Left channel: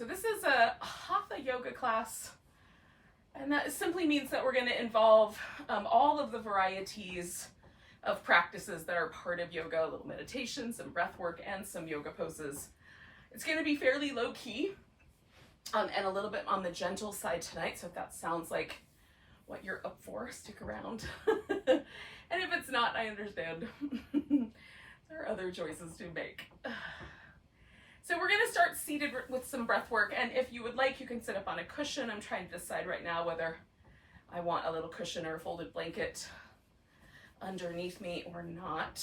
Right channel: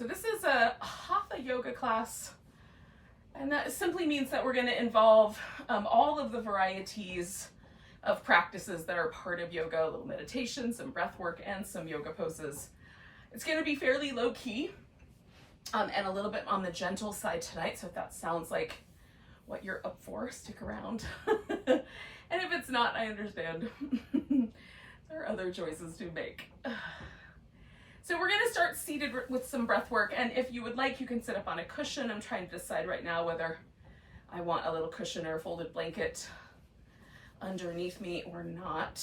So this is a Hatha Yoga class, and that simply means that we're going to involve all of the varieties of practices that are part of yoga, a little meditation, some breath work, and some yoga poses. It's going to be fairly low key and a little bit on the gentle side tonight, so if that sounds like what you're up for, stick around. And if it's not, I understand. There are other choices to make. So we're going to start seated with some breath work, and if you would like, you can sit up on a cushion. I'm trying to decide right now whether I want a little cushion or a folded blanket underneath me or not.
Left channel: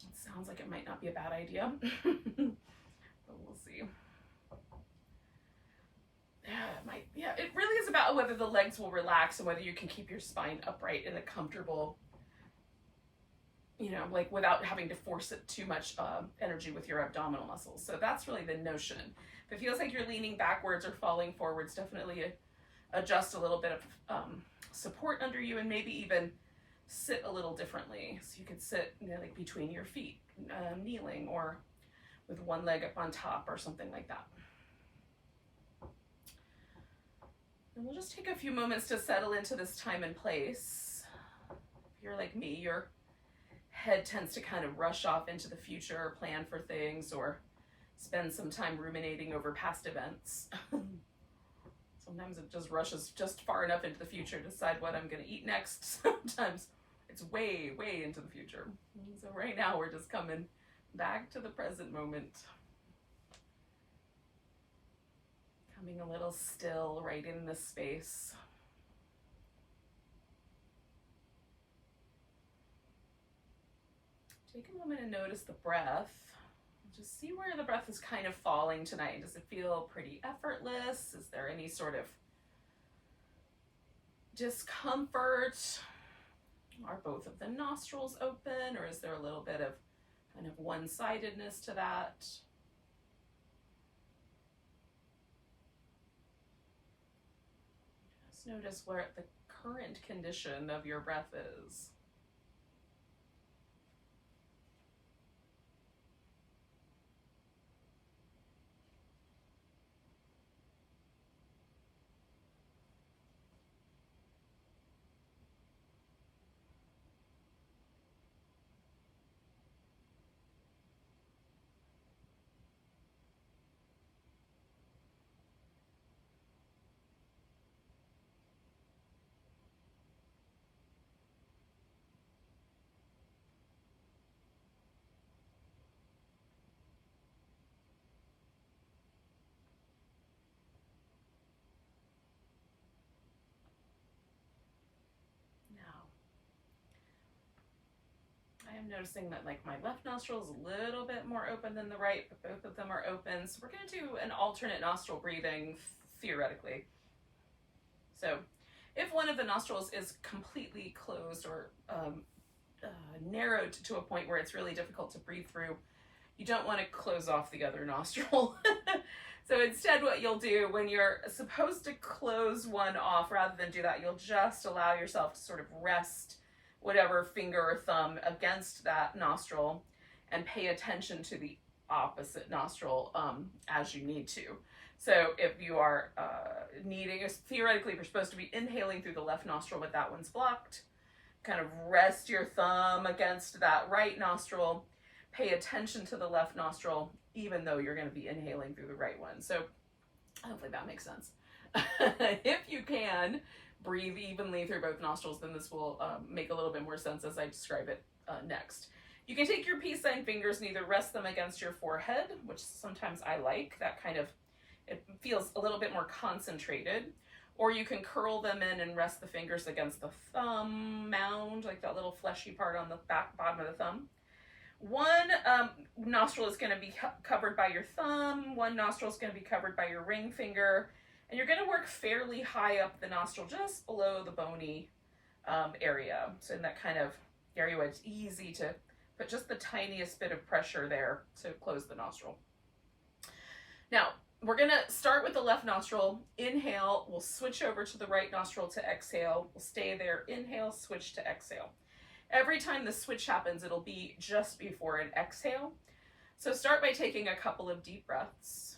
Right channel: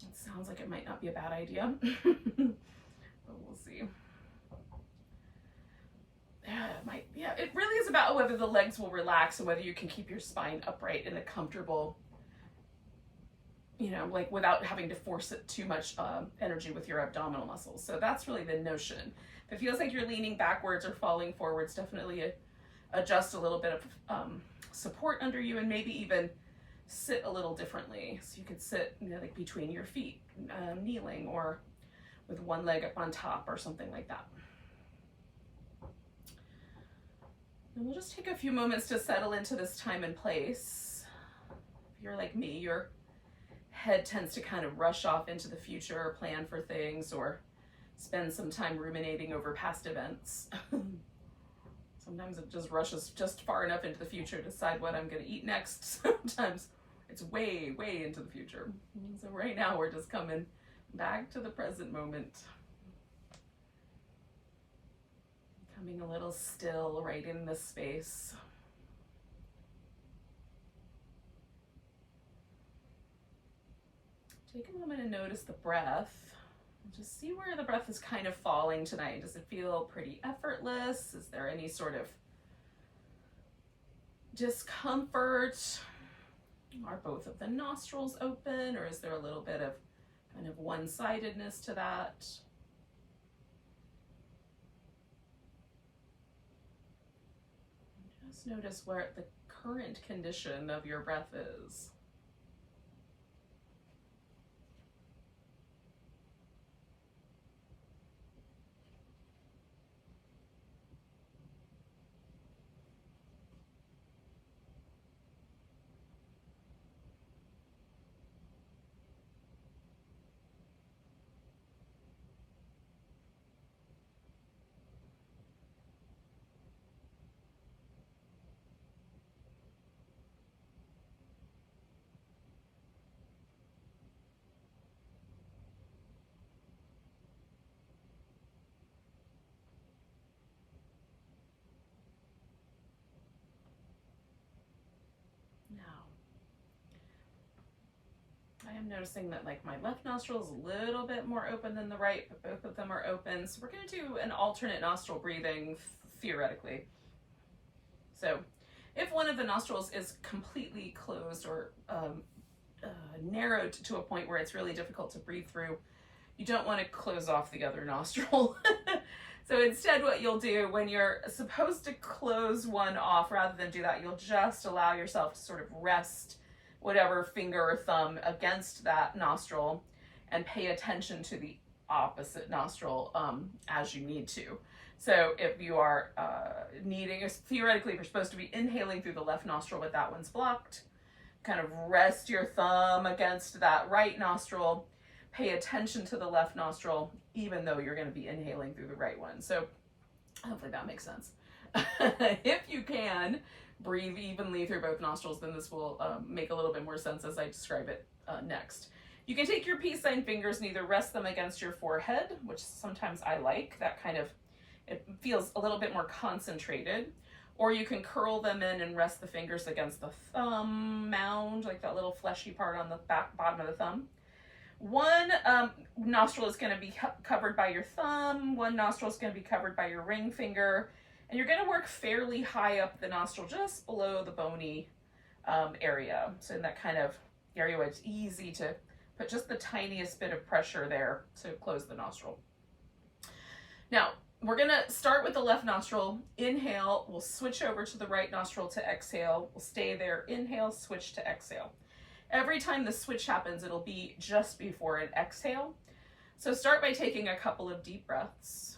It sounds like it might not be a bad idea, but we'll see. It really is about whether the legs will relax and whether you can keep your spine upright in a comfortable, like without having to force it too much energy with your abdominal muscles. So that's really the notion. If it feels like you're leaning backwards or falling forwards, definitely adjust a little bit of support under you, and maybe even sit a little differently. So you could sit, like between your feet, kneeling, or with one leg up on top or something like that. And we'll just take a few moments to settle into this time and place. If you're like me, your head tends to kind of rush off into the future or plan for things or spend some time ruminating over past events. Sometimes it just rushes just far enough into the future to decide what I'm going to eat next. Sometimes it's way, way into the future. So right now we're just coming back to the present moment. Coming a little still right in this space. Take a moment and notice the breath. Just see where the breath is kind of falling tonight. Does it feel pretty effortless? Is there any sort of discomfort? Are both of the nostrils open, or is there a little bit of kind of one-sidedness to that? Just notice where the current condition of your breath is. I am noticing that like my left nostril is a little bit more open than the right, but both of them are open. So we're going to do an alternate nostril breathing theoretically. So if one of the nostrils is completely closed or narrowed to a point where it's really difficult to breathe through, you don't want to close off the other nostril. So instead what you'll do when you're supposed to close one off, rather than do that, you'll just allow yourself to sort of rest whatever finger or thumb against that nostril and pay attention to the opposite nostril as you need to. So if you are theoretically you're supposed to be inhaling through the left nostril, but that one's blocked, kind of rest your thumb against that right nostril, pay attention to the left nostril, even though you're going to be inhaling through the right one. So hopefully that makes sense. If you can breathe evenly through both nostrils, then this will make a little bit more sense as I describe it next. You can take your peace sign fingers and either rest them against your forehead, which sometimes I like, that kind of, it feels a little bit more concentrated, or you can curl them in and rest the fingers against the thumb mound, like that little fleshy part on the bottom of the thumb. One nostril is going to be covered by your thumb, one nostril is going to be covered by your ring finger, and you're going to work fairly high up the nostril, just below the bony area. So in that kind of area where it's easy to put just the tiniest bit of pressure there to close the nostril. Now, we're going to start with the left nostril. Inhale, we'll switch over to the right nostril to exhale. We'll stay there. Inhale, switch to exhale. Every time the switch happens, it'll be just before an exhale. So start by taking a couple of deep breaths.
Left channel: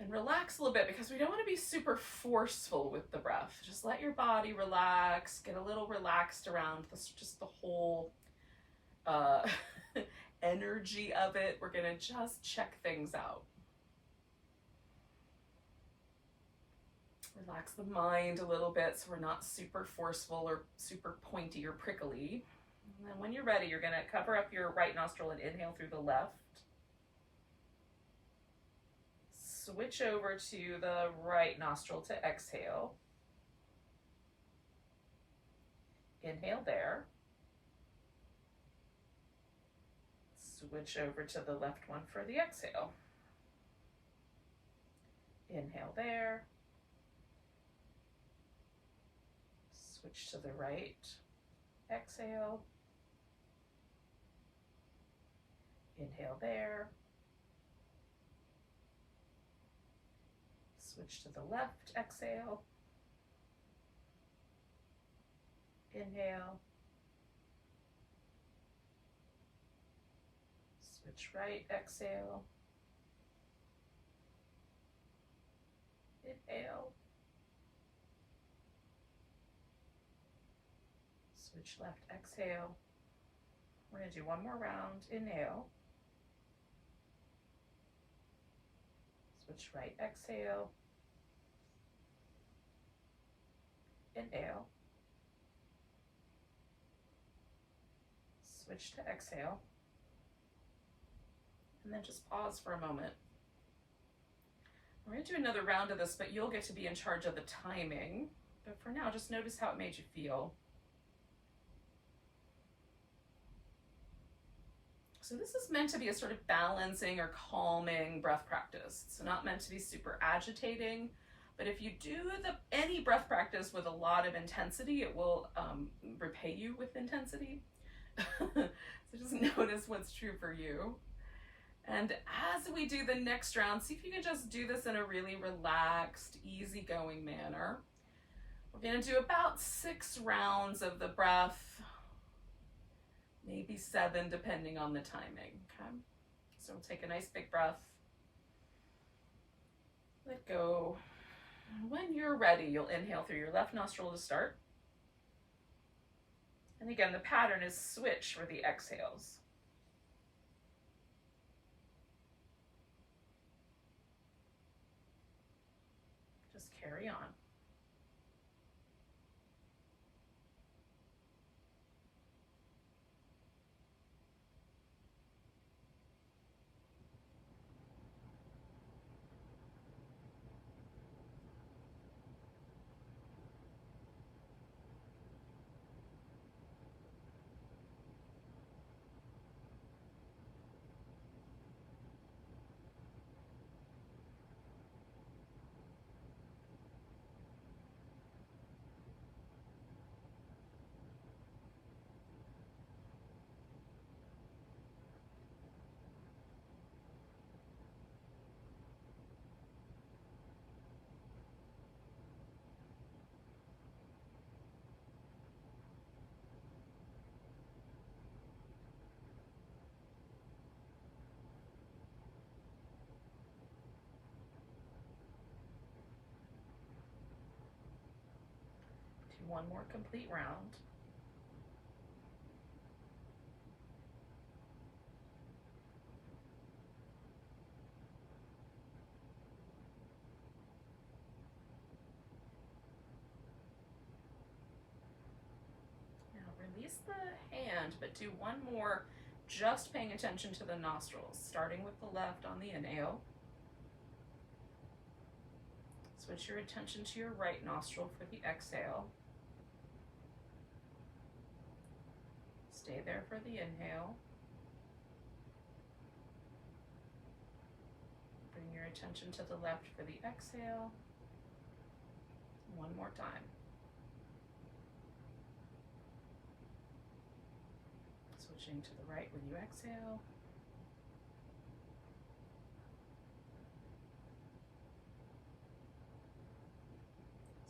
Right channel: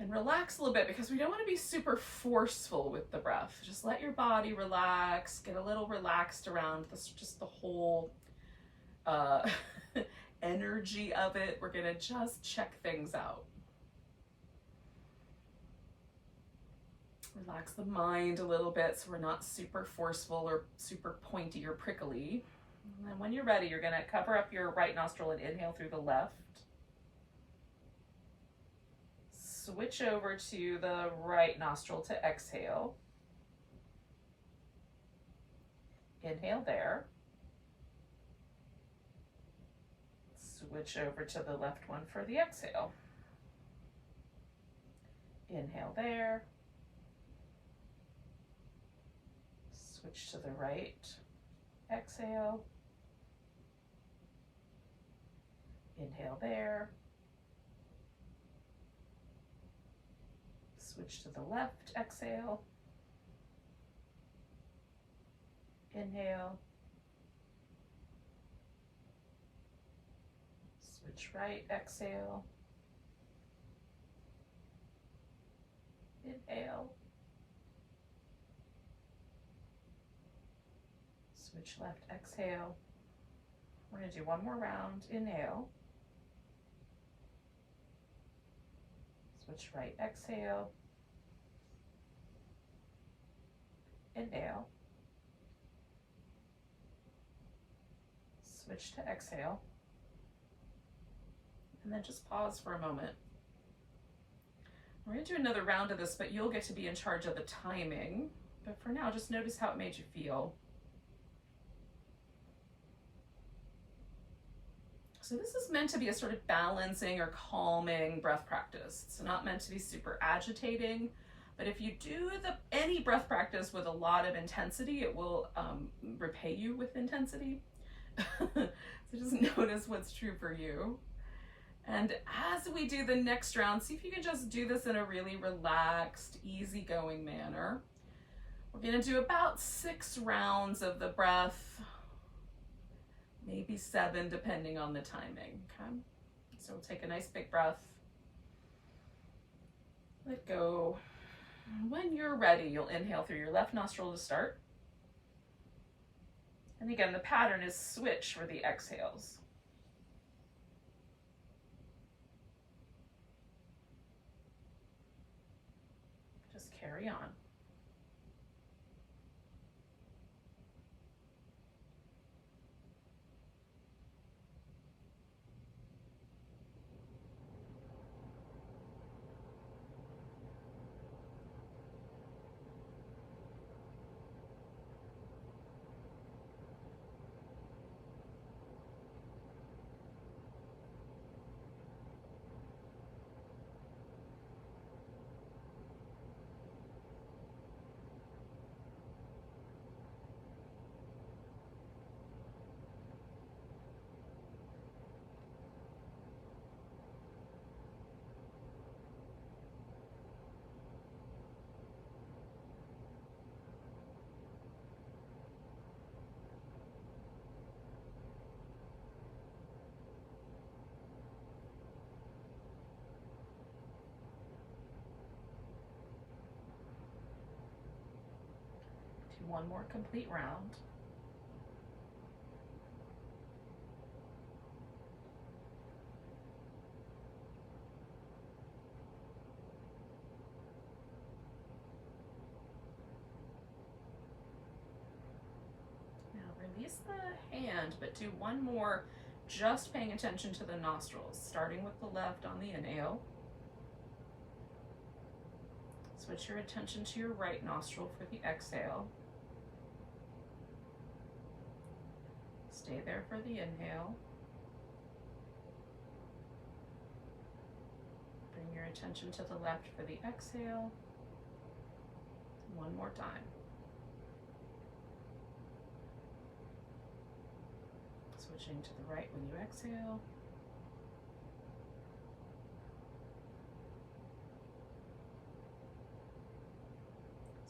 And relax a little bit, because we don't want to be super forceful with the breath. Just let your body relax, get a little relaxed around this, just the whole energy of it. We're going to just check things out. Relax the mind a little bit so we're not super forceful or super pointy or prickly. And then when you're ready, you're going to cover up your right nostril and inhale through the left. Switch over to the right nostril to exhale. Inhale there. Switch over to the left one for the exhale. Inhale there. Switch to the right. Exhale. Inhale there. Switch to the left, exhale. Inhale. Switch right, exhale. Inhale. Switch left, exhale. We're going to do one more round. Inhale. Switch right, exhale. Inhale. Switch to exhale. And then just pause for a moment. We're going to do another round of this, but you'll get to be in charge of the timing. But for now, just notice how it made you feel. So this is meant to be a sort of balancing or calming breath practice. It's not meant to be super agitating, but if you do any breath practice with a lot of intensity, it will repay you with intensity. So just notice what's true for you. And as we do the next round, see if you can just do this in a really relaxed, easygoing manner. We're going to do about 6 rounds of the breath, maybe 7 depending on the timing, okay? So we'll take a nice big breath. Let go. When you're ready, you'll inhale through your left nostril to start. And again, the pattern is switch for the exhales. Just carry on. Do one more complete round. Release the hand, but do one more, just paying attention to the nostrils, starting with the left on the inhale. Switch your attention to your right nostril for the exhale. Stay there for the inhale. Bring your attention to the left for the exhale. One more time. Switching to the right when you exhale.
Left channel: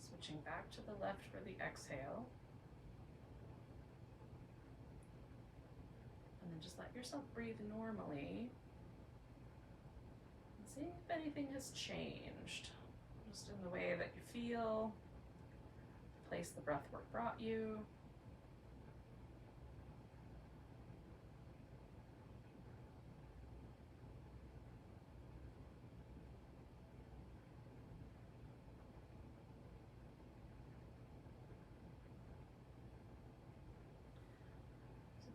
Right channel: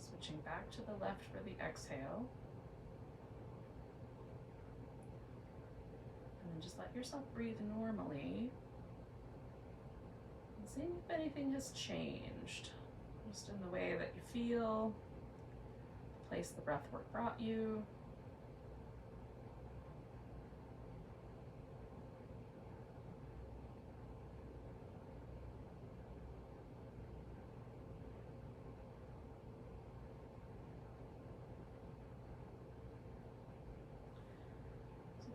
Switching back to the left for the exhale. And then just let yourself breathe normally. And Seeing if anything has changed, just in the way that you feel, the place the breath work brought you.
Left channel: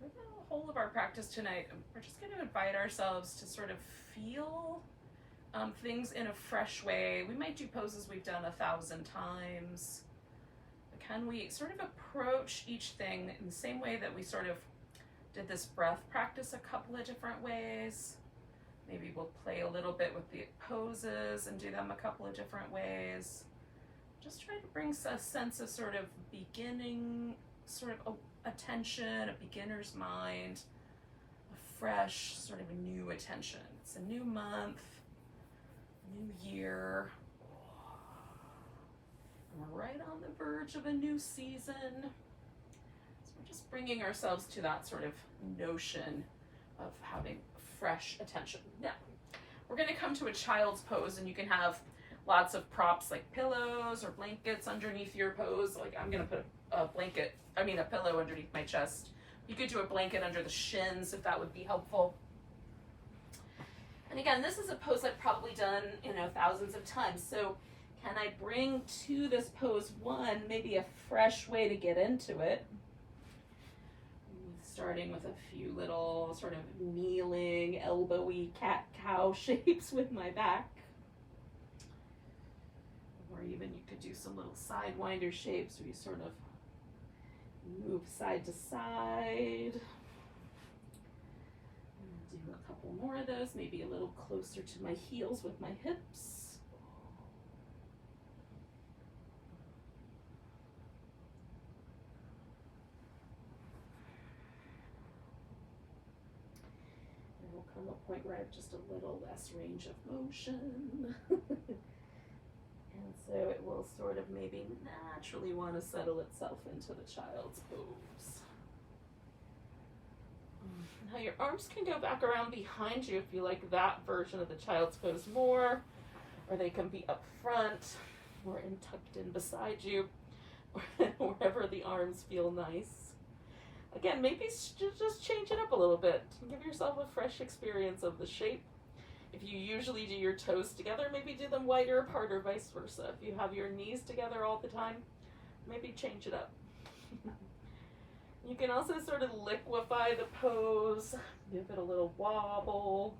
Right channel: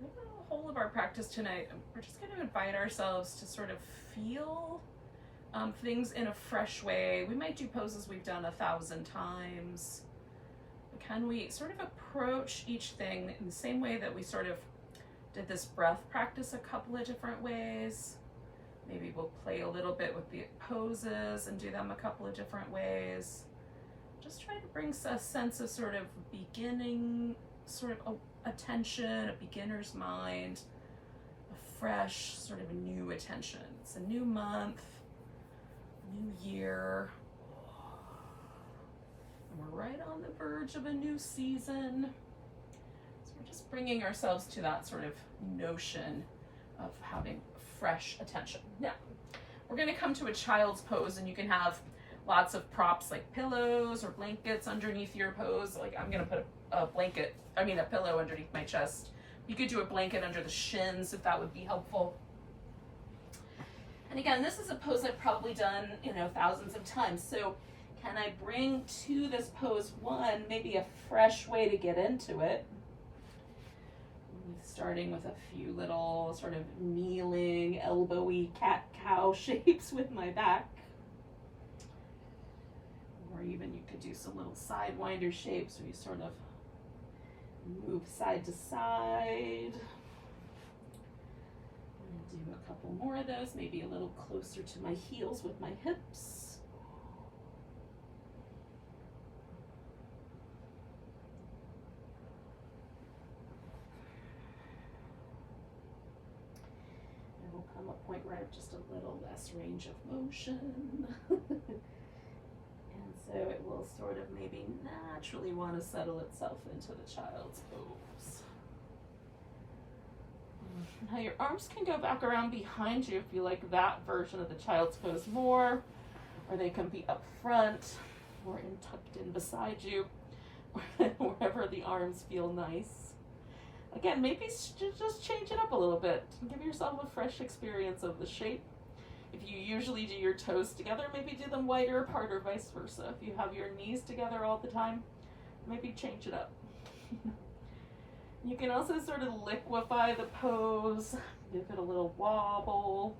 So the whole of our practice tonight, we're just going to invite ourselves to sort of feel things in a fresh way. We might do poses we've done 1,000 times. But can we sort of approach each thing in the same way that we sort of did this breath practice a couple of different ways? Maybe we'll play a little bit with the poses and do them a couple of different ways. Just try to bring a sense of sort of beginning, sort of attention, a beginner's mind, a fresh, sort of a new attention. It's a new month, new year, and we're right on the verge of a new season. So we're just bringing ourselves to that sort of notion of having fresh attention. Now, we're going to come to a child's pose, and you can have lots of props like pillows or blankets underneath your pose. Like I'm going to put a pillow underneath my chest. You could do a blanket under the shins if that would be helpful. And again, this is a pose I've probably done, thousands of times. So can I bring to this pose one, maybe a fresh way to get into it? Starting with a few little sort of kneeling, elbowy cat-cow shapes with my back. Or even you could do some little sidewinder shapes where you sort of move side to side. Do a couple more of those, maybe a little closer to my heels with my hips. And we'll come a point where I have just a little less range of motion. And so it will sort of maybe naturally want to settle itself into the child's pose. Now your arms can go back around behind you if you like that version of the child's pose more, or they can be up front or tucked in beside you, wherever the arms feel nice. Again, maybe just change it up a little bit. Give yourself a fresh experience of the shape. If you usually do your toes together, maybe do them wider apart or vice versa. If you have your knees together all the time, maybe change it up. You can also sort of liquefy the pose, give it a little wobble.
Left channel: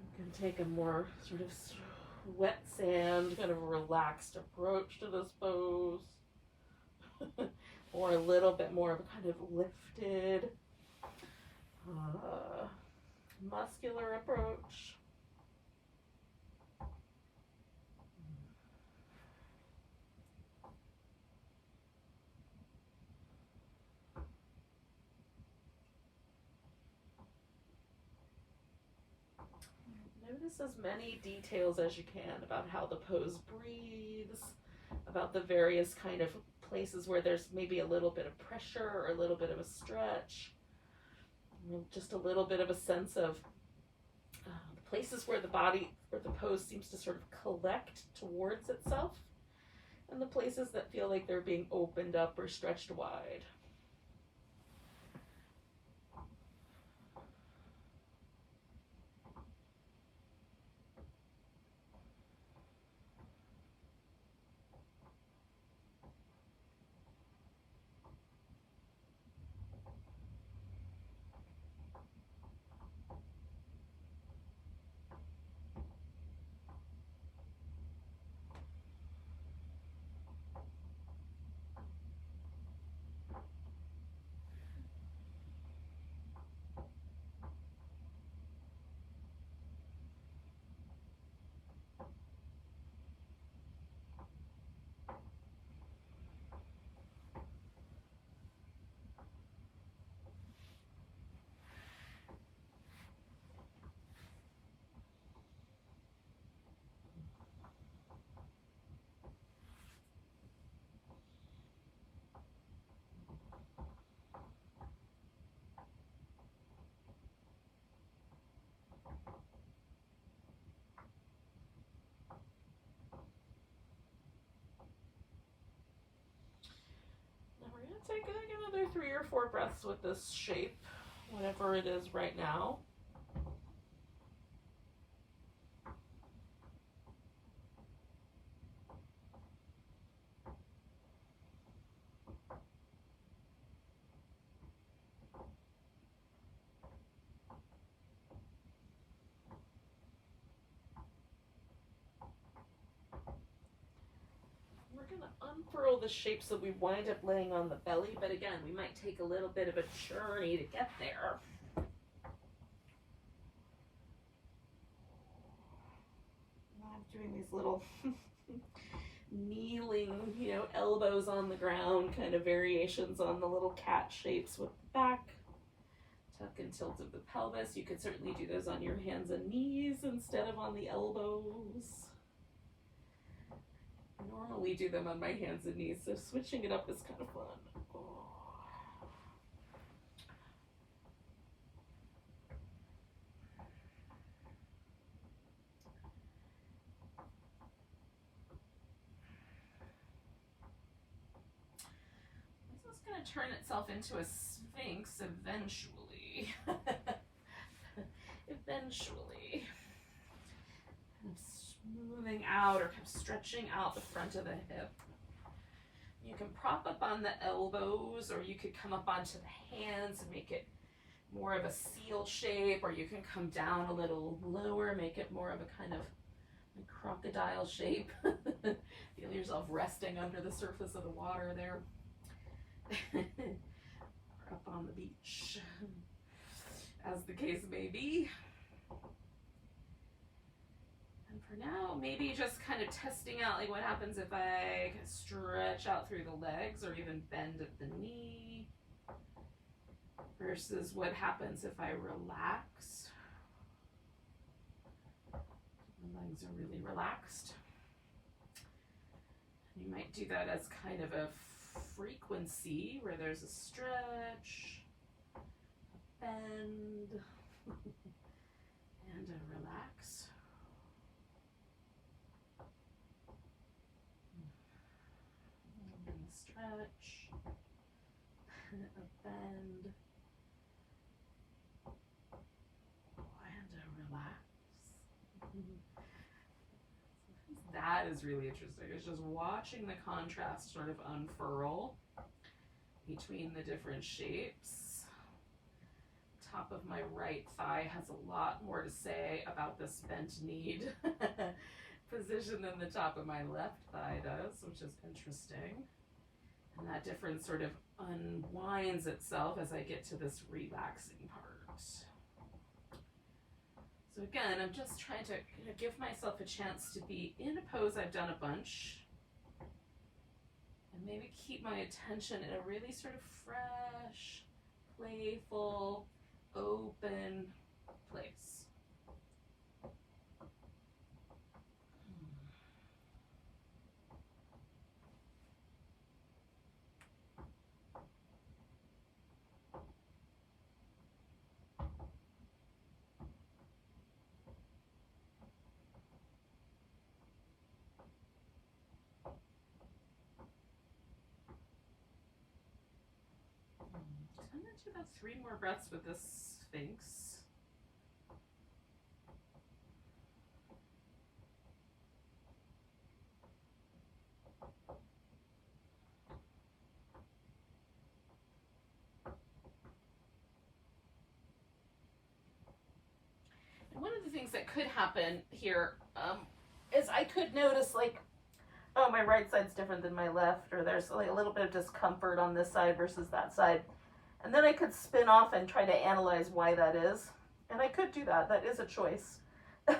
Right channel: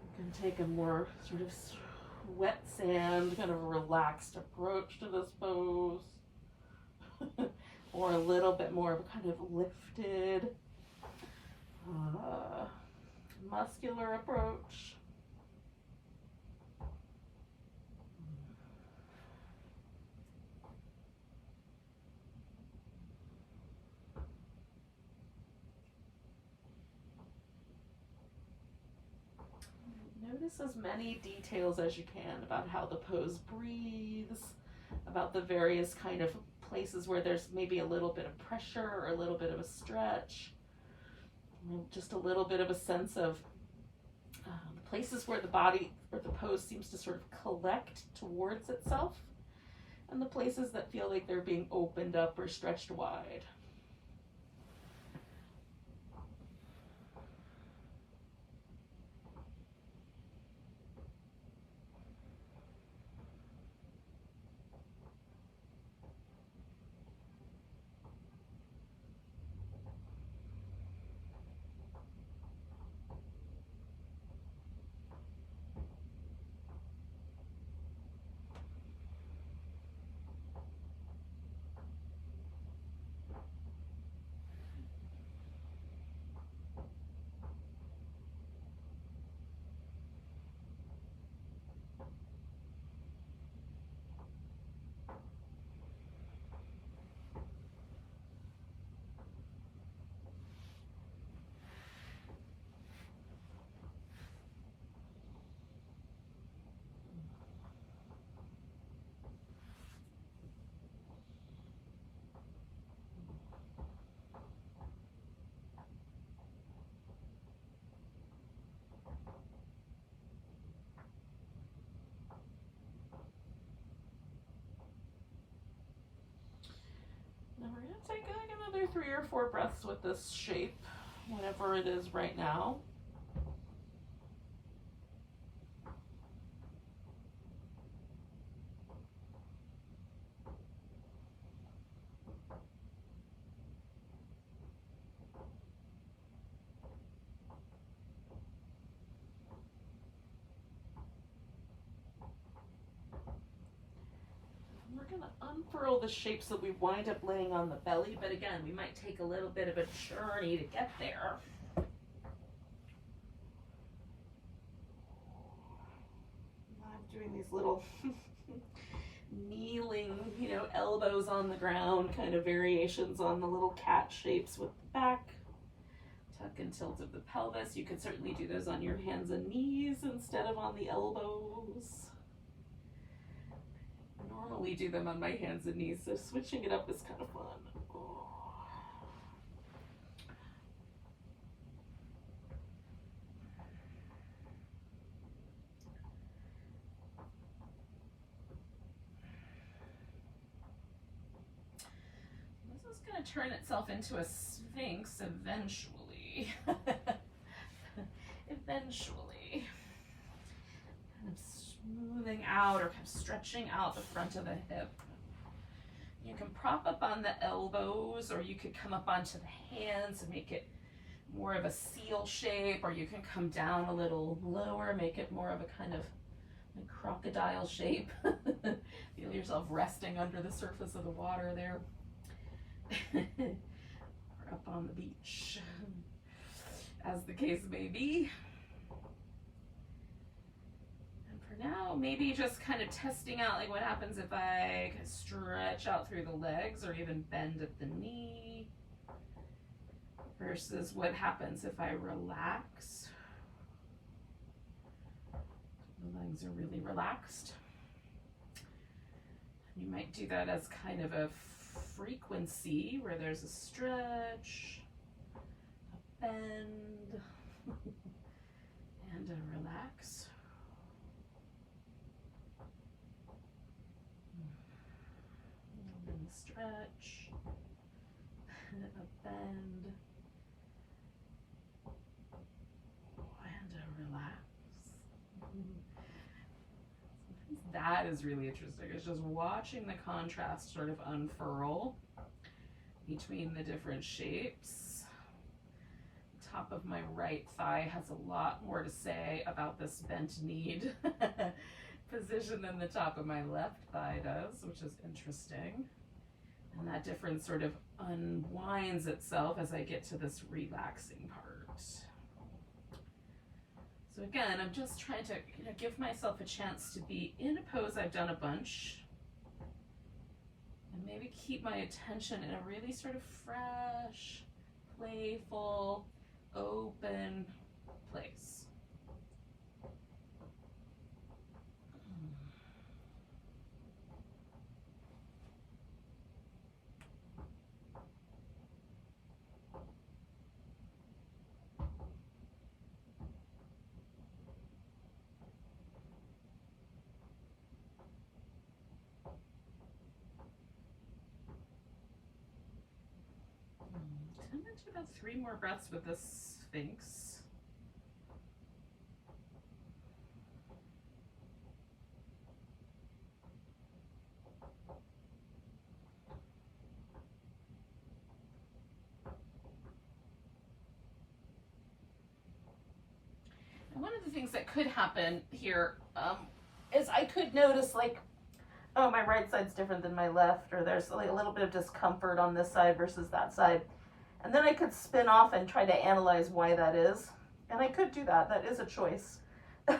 You can take a more sort of wet sand, kind of relaxed approach to this pose. Or a little bit more of a kind of lifted, muscular approach. Notice as many details as you can about how the pose breathes, about the various kind of places where there's maybe a little bit of pressure or a little bit of a stretch. Just a little bit of a sense of the places where the body or the pose seems to sort of collect towards itself, and the places that feel like they're being opened up or stretched wide. take like another 3 or 4 breaths with this shape, whatever it is right now. Unfurl the shapes that we wind up laying on the belly, but again, we might take a little bit of a journey to get there. I'm doing these little kneeling, elbows on the ground, kind of variations on the little cat shapes with the back. Tuck and tilt of the pelvis. You could certainly do those on your hands and knees instead of on the elbows. Normally do them on my hands and knees, so switching it up is kind of fun. This is going to turn itself into a sphinx eventually. Eventually. Kind of smoothing out or kind of stretching out the front of the hip. You can prop up on the elbows, or you could come up onto the hands and make it more of a seal shape, or you can come down a little lower, make it more of a kind of like crocodile shape. Feel yourself resting under the surface of the water there. Or up on the beach, as the case may be. And for now, maybe just kind of testing out like what happens if I stretch out through the legs or even bend at the knee versus what happens if I relax. The legs are really relaxed. You might do that as kind of a frequency where there's a stretch, a bend, and a relax. And a stretch, a bend, and a relax. That is really interesting. It's just watching the contrast sort of unfurl between the different shapes. Top of my right thigh has a lot more to say about this bent kneed position than the top of my left thigh does, which is interesting. And that difference sort of unwinds itself as I get to this relaxing part. So again, I'm just trying to give myself a chance to be in a pose I've done a bunch, and maybe keep my attention in a really sort of fresh, playful, open place. I'm going to do about 3 more breaths with this Sphinx. And one of the things that could happen here is I could notice like, oh, my right side's different than my left, or there's like a little bit of discomfort on this side versus that side. And then I could spin off and try to analyze why that is. And I could do that. That is a choice. But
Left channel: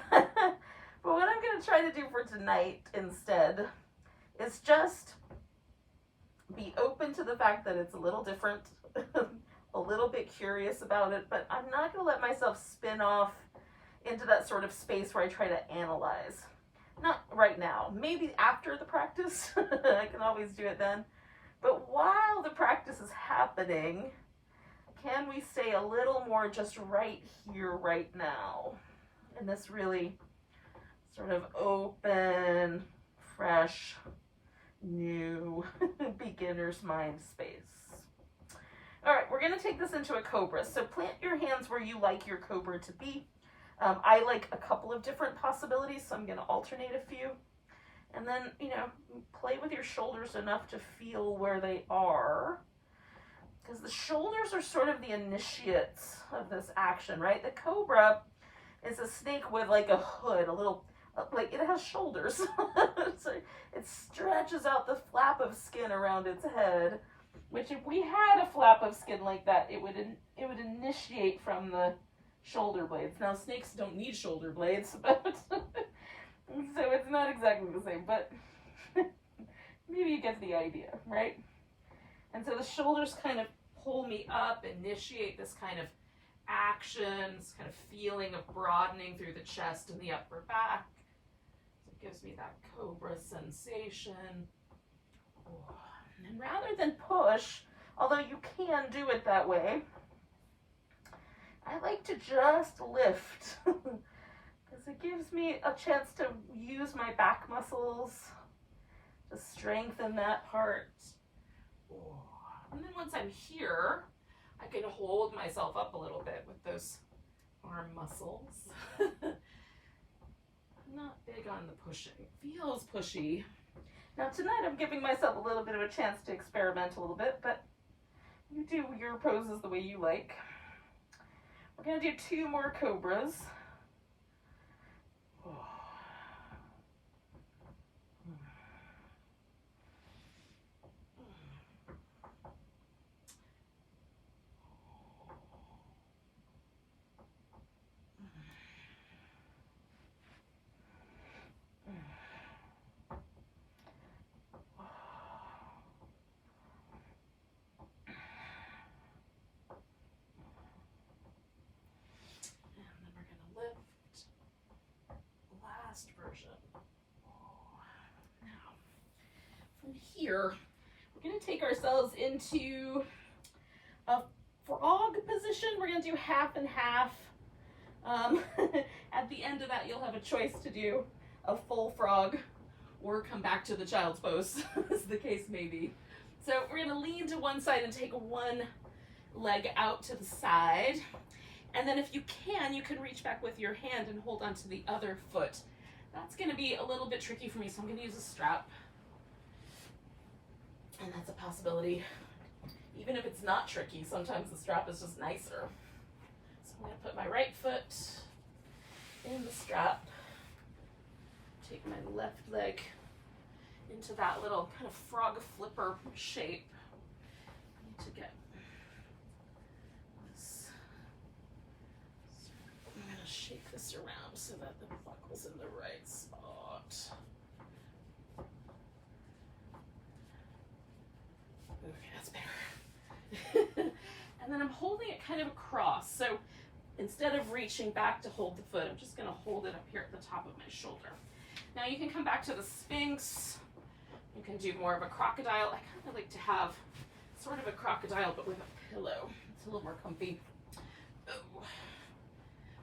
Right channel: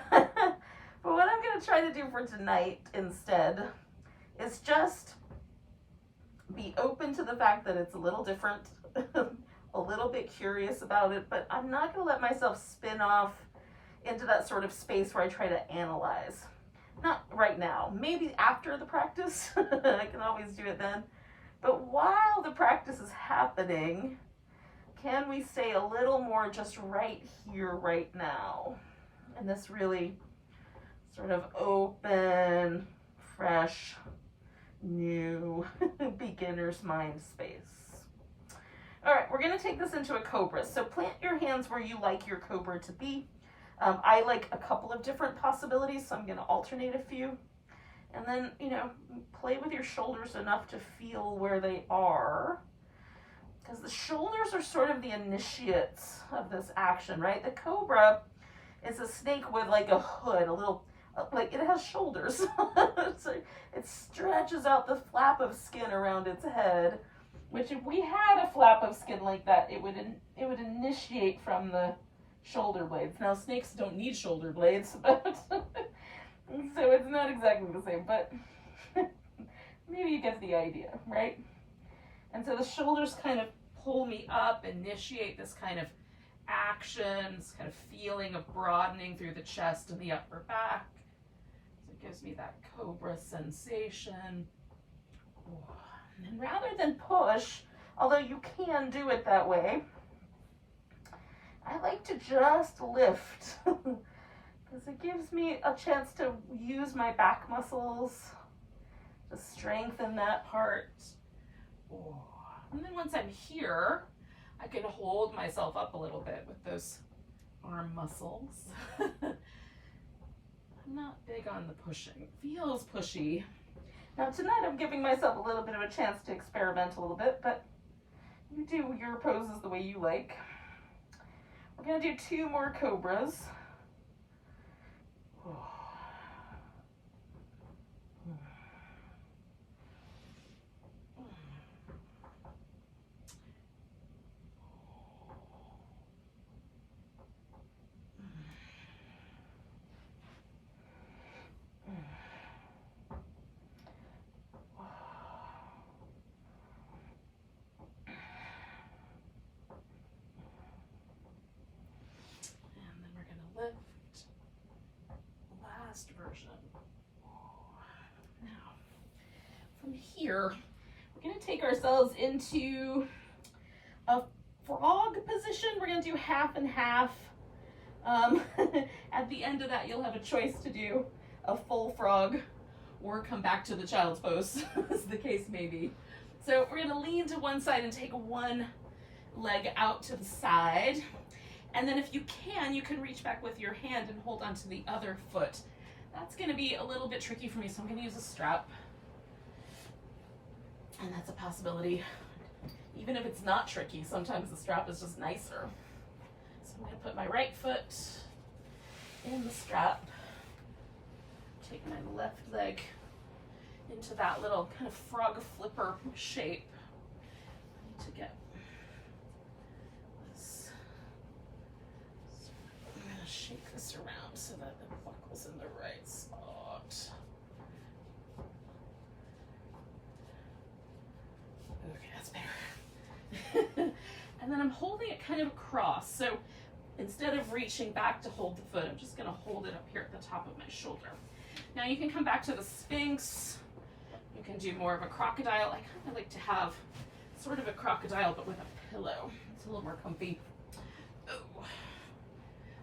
what I'm going to try to do for tonight instead is just be open to the fact that it's a little different, a little bit curious about it, but I'm not going to let myself spin off into that sort of space where I try to analyze. Not right now. Maybe after the practice. I can always do it then. But while the practice is happening, can we stay a little more just right here, right now? In this really sort of open, fresh, new beginner's mind space. we're going to take this into a cobra. So plant your hands where you like your cobra to be. I like a couple of different possibilities, so I'm going to alternate a few. And then, you know, play with your shoulders enough to feel where they are. Because the shoulders are sort of the initiates of this action, right? The cobra is a snake with like a hood, a little, like it has shoulders. So it stretches out the flap of skin around its head, which if we had a flap of skin like that, it would initiate from the shoulder blades. Now snakes don't need shoulder blades, but so it's not exactly the same, but maybe you get the idea, right? And so the shoulders kind of pull me up, initiate this kind of action, this kind of feeling of broadening through the chest and the upper back. So it gives me that cobra sensation. And rather than push, although you can do it that way, I like to just lift because it gives me a chance to use my back muscles to strengthen that part. And then once I'm here, I can hold myself up a little bit with those arm muscles. I'm not big on the pushing. Feels pushy. Now tonight I'm giving myself a little bit of a chance to experiment a little bit, but you do your poses the way you like. We're going to do 2 more cobras. Version. Now, from here, we're going to take ourselves into a frog position. We're going to do half and half. At the end of that, you'll have a choice to do a full frog or come back to the child's pose, as the case may be. So we're going to lean to one side and take one leg out to the side. And then if you can reach back with your hand and hold onto the other foot. That's going to be a little bit tricky for me, so I'm going to use a strap. And that's a possibility. Even if it's not tricky, sometimes the strap is just nicer. So I'm going to put my right foot in the strap. Take my left leg into that little kind of frog flipper shape. I need to get this. I'm going to shake this around so that the buckle's in the right spot. Okay, that's better. And then I'm holding it kind of across. So instead of reaching back to hold the foot, I'm just going to hold it up here at the top of my shoulder. Now you can come back to the Sphinx. You can do more of a crocodile. I kind of like to have sort of a crocodile, but with a pillow. It's a little more comfy. Oh.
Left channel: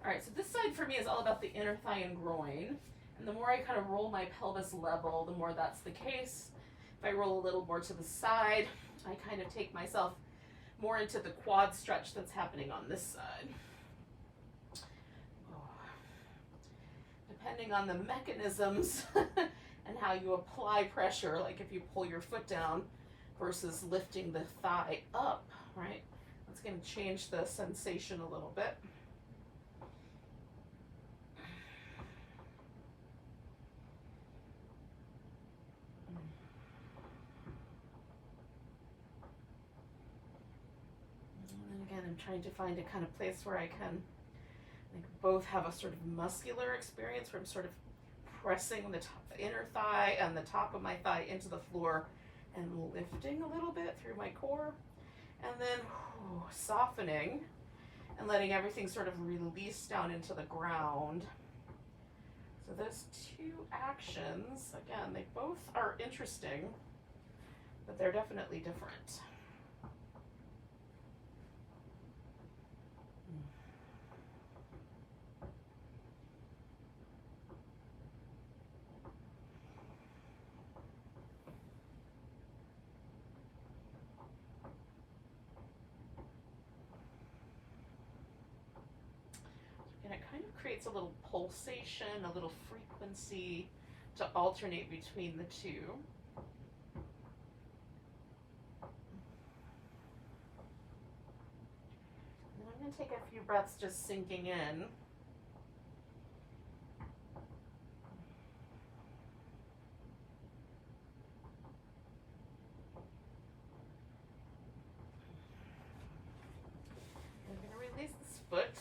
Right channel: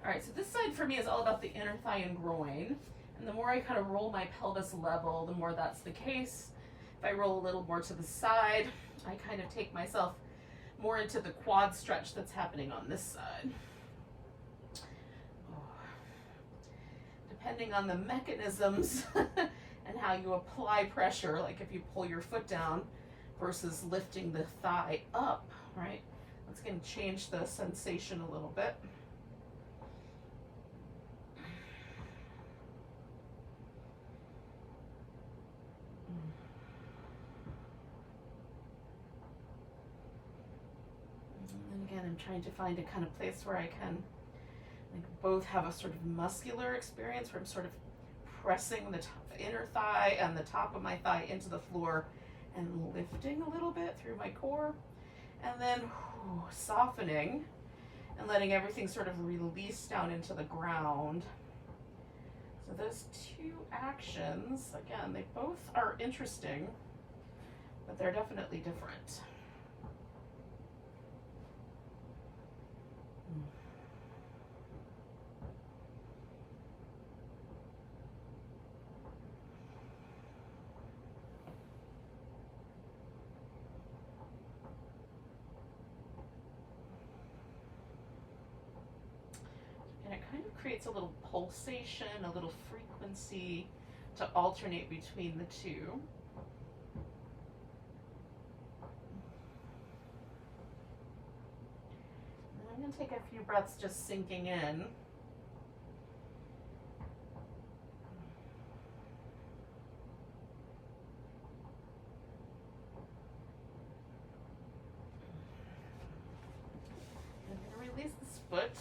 All right, so this side for me is all about the inner thigh and groin. And the more I kind of roll my pelvis level, the more that's the case. If I roll a little more to the side, I kind of take myself more into the quad stretch that's happening on this side. Depending on the mechanisms and how you apply pressure, like if you pull your foot down versus lifting the thigh up, right? That's going to change the sensation a little bit. And again, I'm trying to find a kind of place where I can both have a sort of muscular experience where I'm sort of pressing the inner thigh and the top of my thigh into the floor and lifting a little bit through my core, and then softening and letting everything sort of release down into the ground. So those 2 actions, again, they both are interesting, but they're definitely different. creates a little pulsation, a little frequency to alternate between the two. And I'm going to take a few breaths just sinking in. I'm going to release this foot.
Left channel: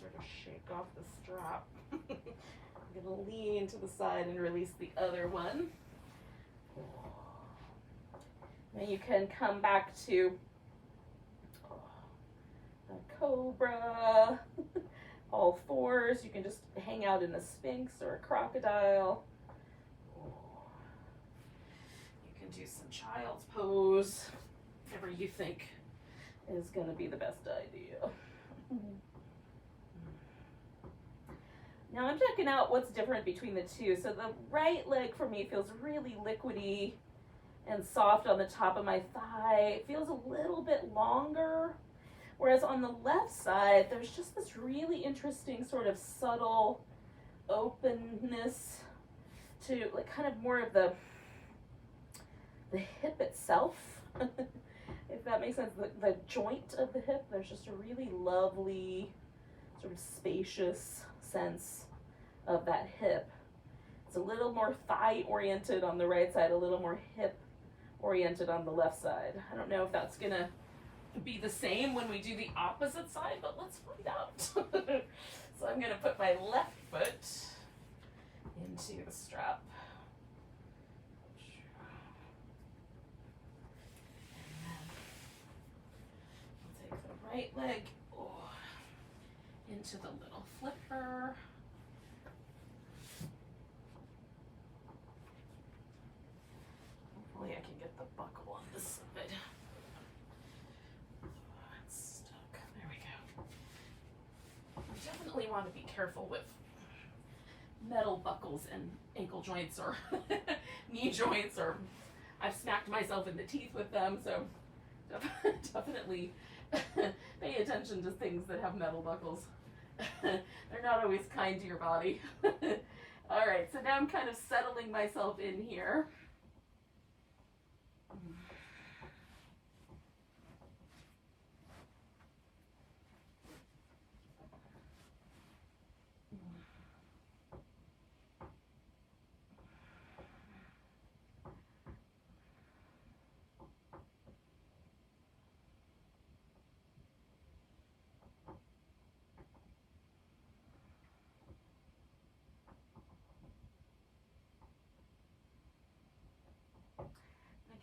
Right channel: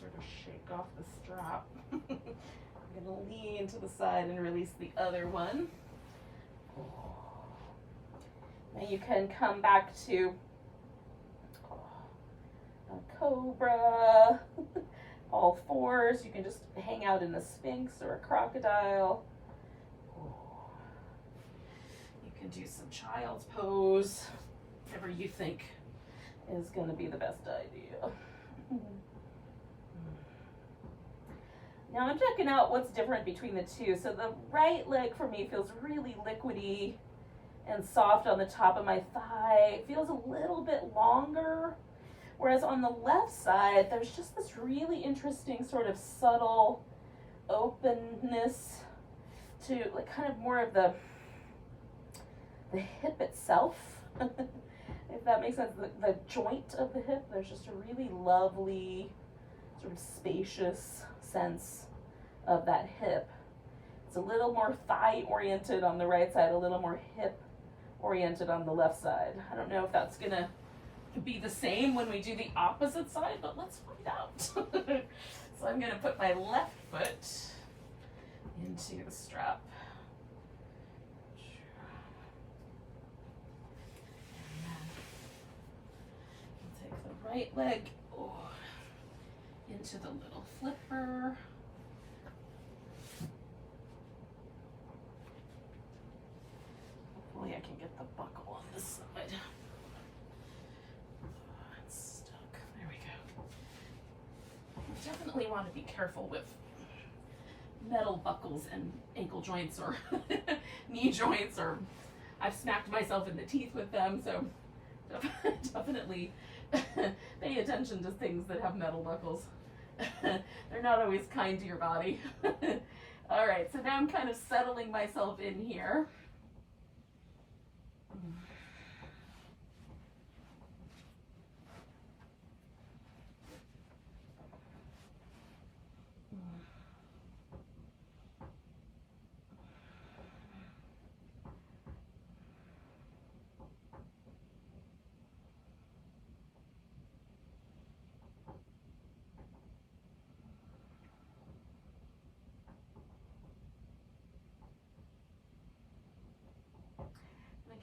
Sort of shake off the strap. I'm going to lean to the side and release the other one. Now you can come back to a cobra, all fours. You can just hang out in a sphinx or a crocodile. You can do some child's pose, whatever you think is going to be the best idea. Now I'm checking out what's different between the two. So the right leg for me feels really liquidy and soft on the top of my thigh. It feels a little bit longer. Whereas on the left side, there's just this really interesting sort of subtle openness to like kind of more of the hip itself. If that makes sense, the joint of the hip, there's just a really lovely sort of spacious sense of that hip. It's a little more thigh oriented on the right side, a little more hip oriented on the left side. I don't know if that's gonna be the same when we do the opposite side, but let's find out. So I'm gonna put my left foot into the strap. And then take the right leg into the little flipper. Hopefully I can get the buckle on this side. It's stuck. There we go. You definitely want to be careful with metal buckles and ankle joints or knee joints, or I've smacked myself in the teeth with them, so definitely pay attention to things that have metal buckles. They're not always kind to your body. All right, so now I'm kind of settling myself in here.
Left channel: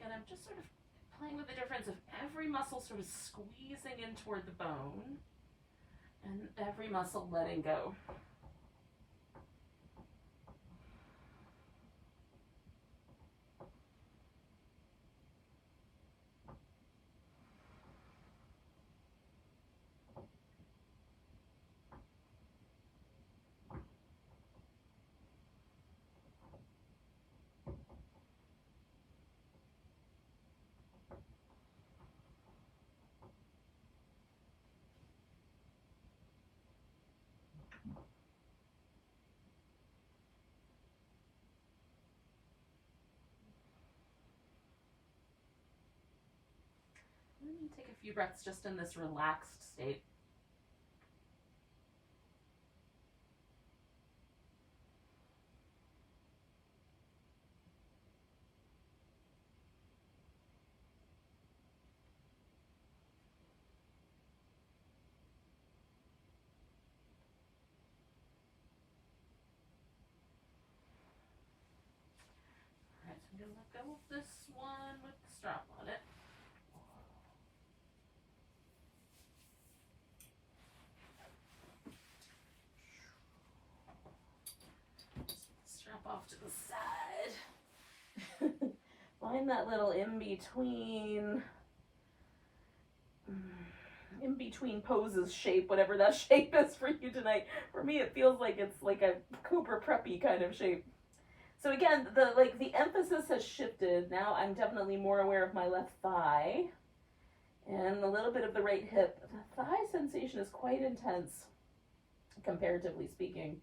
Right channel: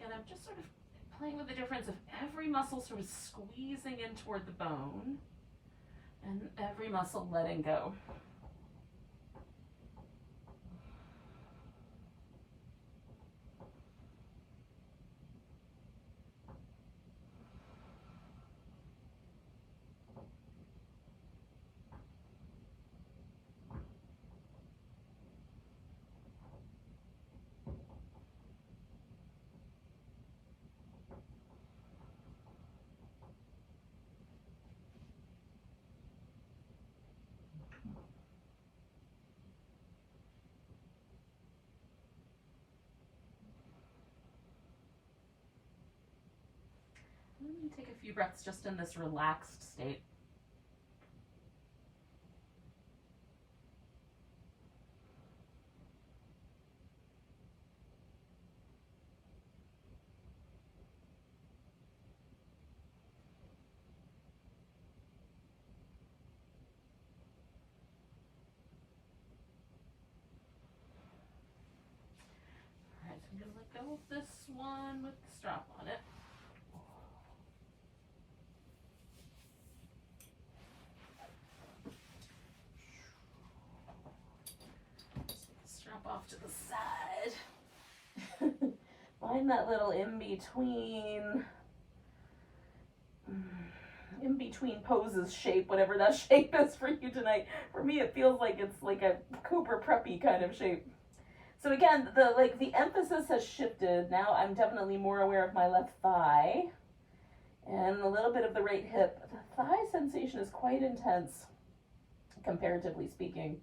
And I'm just sort of playing with the difference of every muscle sort of squeezing in toward the bone and every muscle letting go. Let me take a few breaths just in this relaxed state. All right, so I'm going to let go of this one with the strap on it. Off to the side. Find that little in between poses shape, whatever that shape is for you tonight. For me, it feels like it's like a Cooper preppy kind of shape. So again, the emphasis has shifted. Now I'm definitely more aware of my left thigh. And a little bit of the right hip. The thigh sensation is quite intense, comparatively speaking.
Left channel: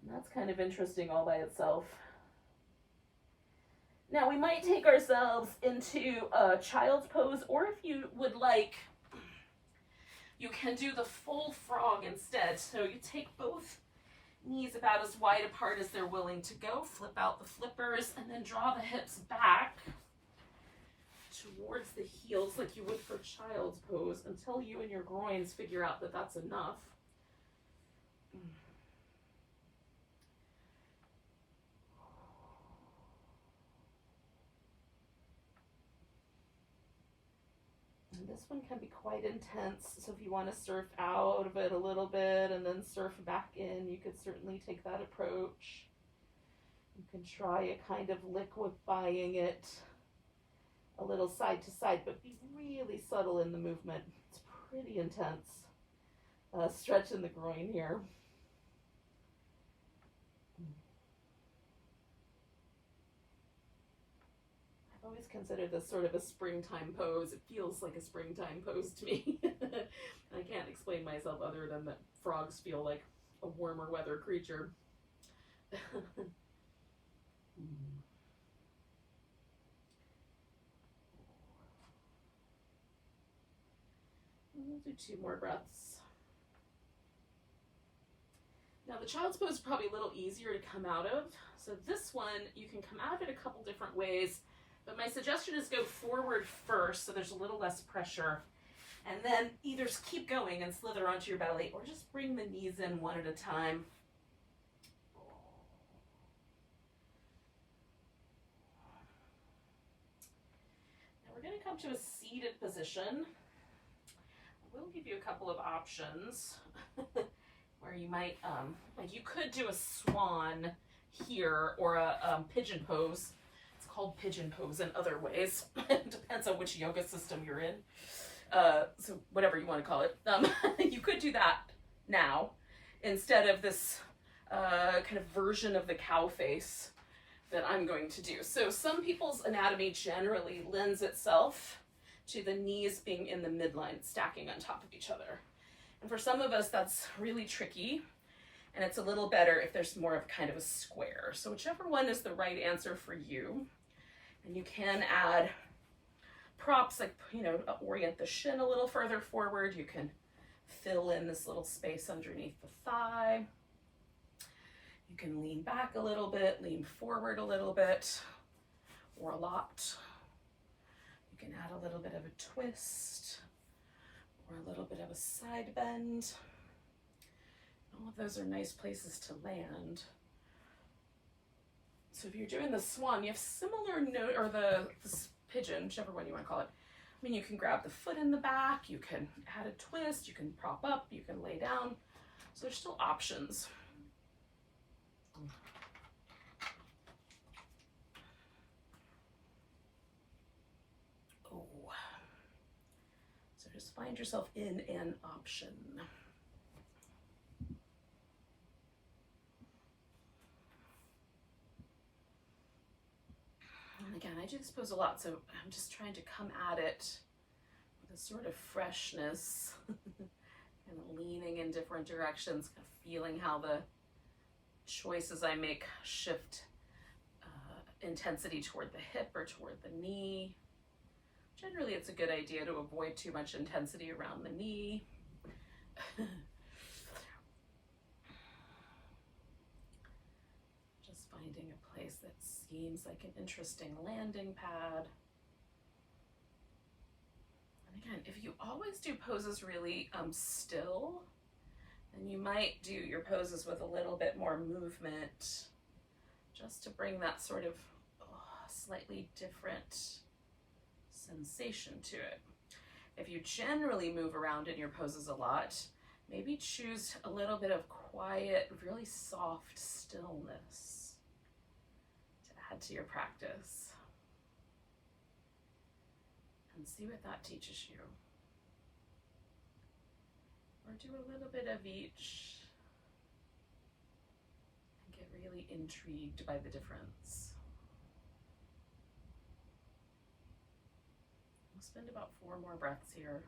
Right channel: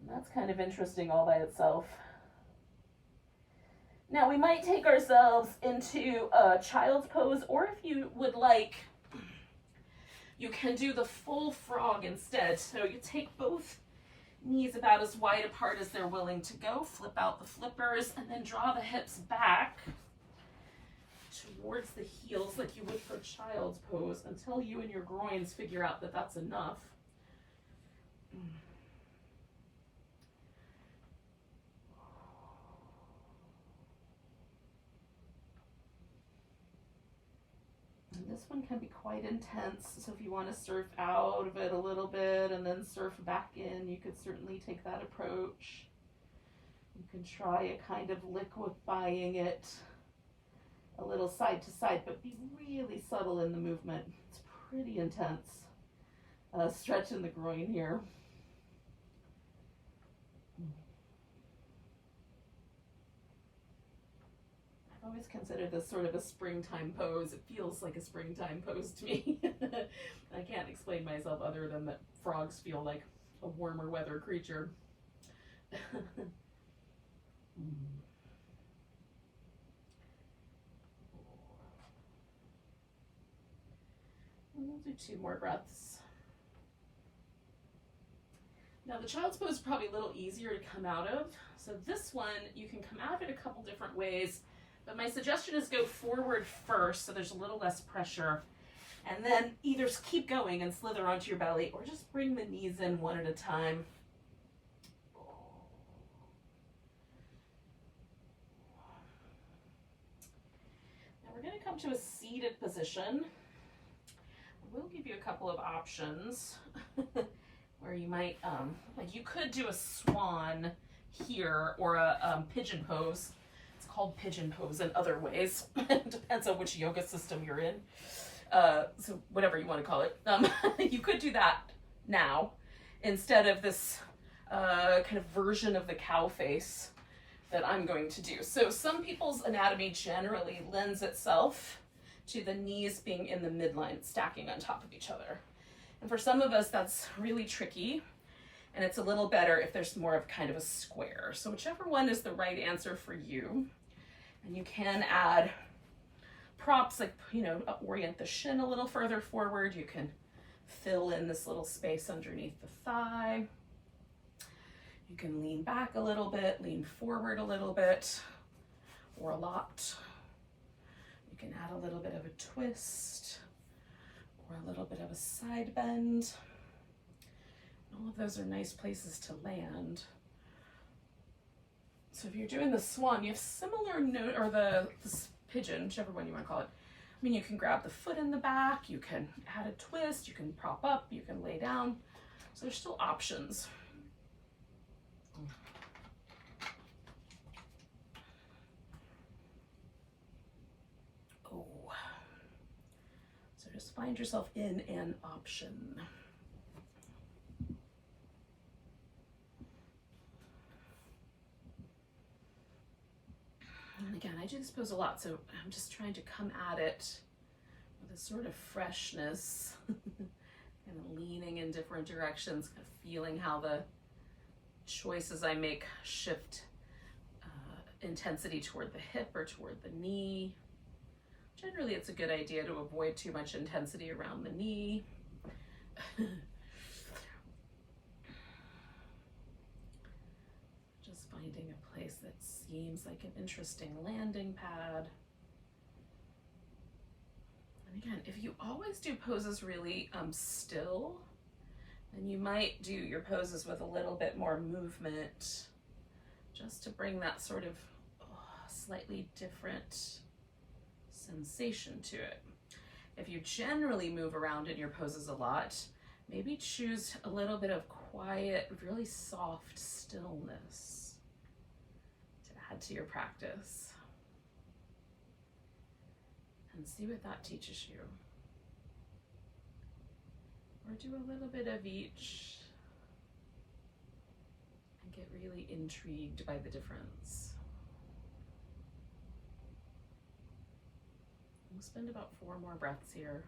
And that's kind of interesting all by itself. Now we might take ourselves into a child's pose, or if you would like, you can do the full frog instead. So you take both knees about as wide apart as they're willing to go, flip out the flippers, and then draw the hips back towards the heels like you would for child's pose until you and your groins figure out that that's enough. And this one can be quite intense, so if you want to surf out of it a little bit and then surf back in, you could certainly take that approach. You can try a kind of liquefying it a little side to side, but be really subtle in the movement. It's pretty intense. Stretch in the groin here. I've always considered this sort of a springtime pose. It feels like a springtime pose to me. I can't explain myself other than that frogs feel like a warmer weather creature. We'll do 2 more breaths. Now the child's pose is probably a little easier to come out of. So this one, you can come out of it a couple different ways, but my suggestion is go forward first so there's a little less pressure. And then either keep going and slither onto your belly, or just bring the knees in one at a time. Now we're going to come to a seated position. We'll give you a couple of options where you might, like you could do a swan here or a pigeon pose. It's called pigeon pose in other ways. It depends on which yoga system you're in. So whatever you want to call it. You could do that now instead of this kind of version of the cow face that I'm going to do. So some people's anatomy generally lends itself to the knees being in the midline, stacking on top of each other. And for some of us, that's really tricky. And it's a little better if there's more of kind of a square. So whichever one is the right answer for you. And you can add props like, orient the shin a little further forward. You can fill in this little space underneath the thigh. You can lean back a little bit, lean forward a little bit, or a lot. You can add a little bit of a twist or a little bit of a side bend. All of those are nice places to land. So if you're doing the swan, you have similar note, or the pigeon, whichever one you want to call it. I mean, you can grab the foot in the back, you can add a twist, you can prop up, you can lay down. So there's still options. So just find yourself in an option. And again, I do this pose a lot, so I'm just trying to come at it with a sort of freshness, and leaning in different directions, kind of feeling how the choices I make shift intensity toward the hip or toward the knee. Generally, it's a good idea to avoid too much intensity around the knee. Just finding a place that seems like an interesting landing pad. And again, if you always do poses really still, then you might do your poses with a little bit more movement, just to bring that sort of slightly different sensation to it. If you generally move around in your poses a lot, maybe choose a little bit of quiet, really soft stillness to add to your practice. And see what that teaches you. Or do a little bit of each and get really intrigued by the difference. spend about 4 more breaths here.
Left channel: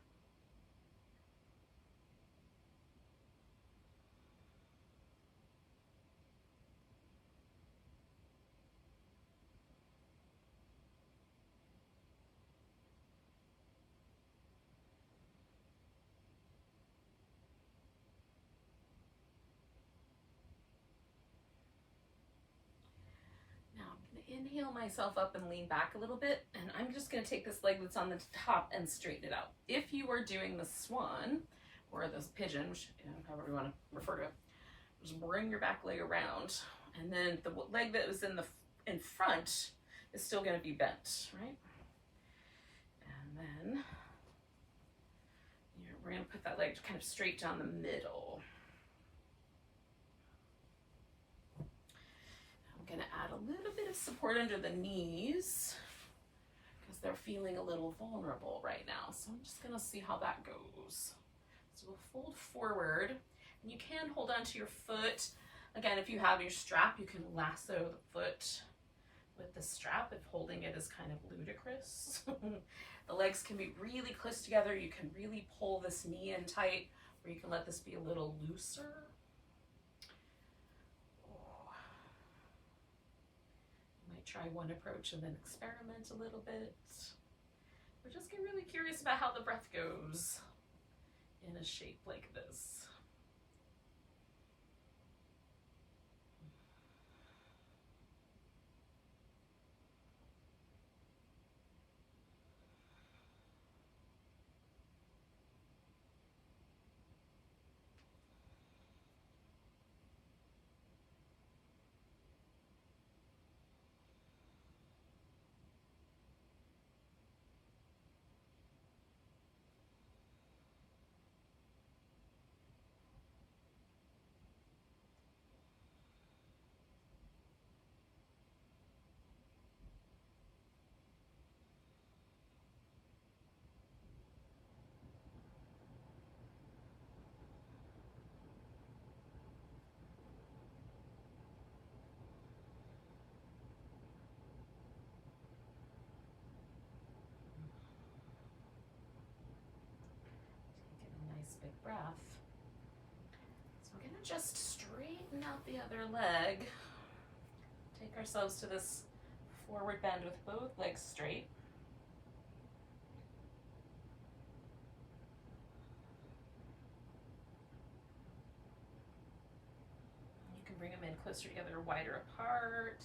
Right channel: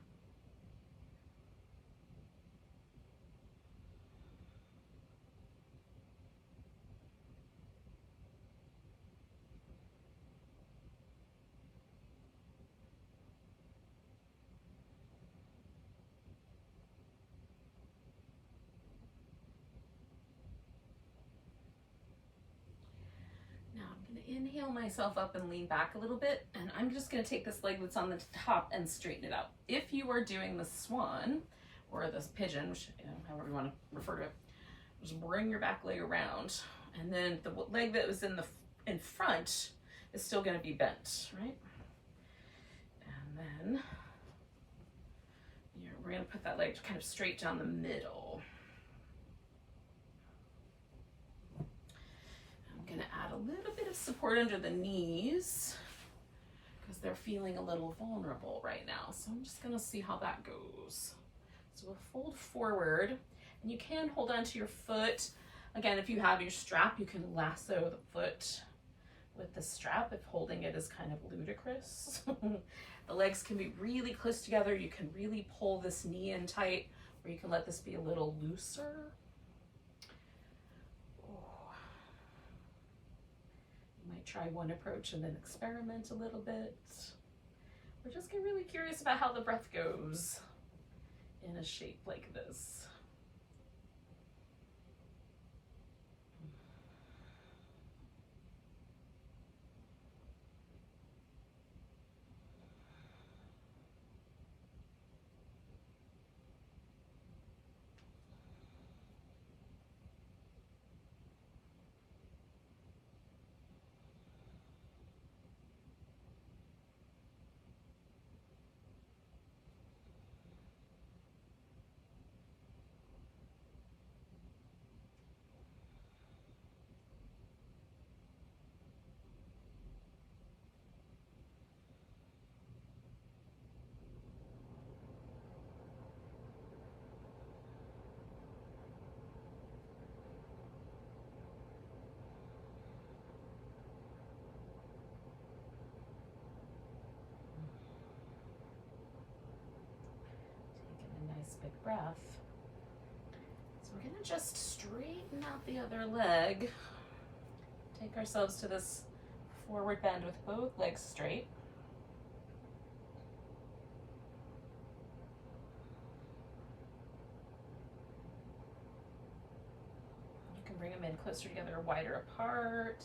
Inhale myself up and lean back a little bit, and I'm just going to take this leg that's on the top and straighten it out. If you are doing the swan or the pigeon, which, however you want to refer to it, just bring your back leg around, and then the leg that was in front is still going to be bent, right? And then we're going to put that leg kind of straight down the middle. Going to add a little bit of support under the knees because they're feeling a little vulnerable right now. So I'm just going to see how that goes. So we'll fold forward, and you can hold on to your foot. Again, if you have your strap, you can lasso the foot with the strap if holding it is kind of ludicrous. The legs can be really close together. You can really pull this knee in tight, or you can let this be a little looser. Try one approach and then experiment a little bit. Or just get really curious about how the breath goes in a shape like this. Big breath. So we're going to just straighten out the other leg. Take ourselves to this forward bend with both legs straight. You can bring them in closer together, wider apart.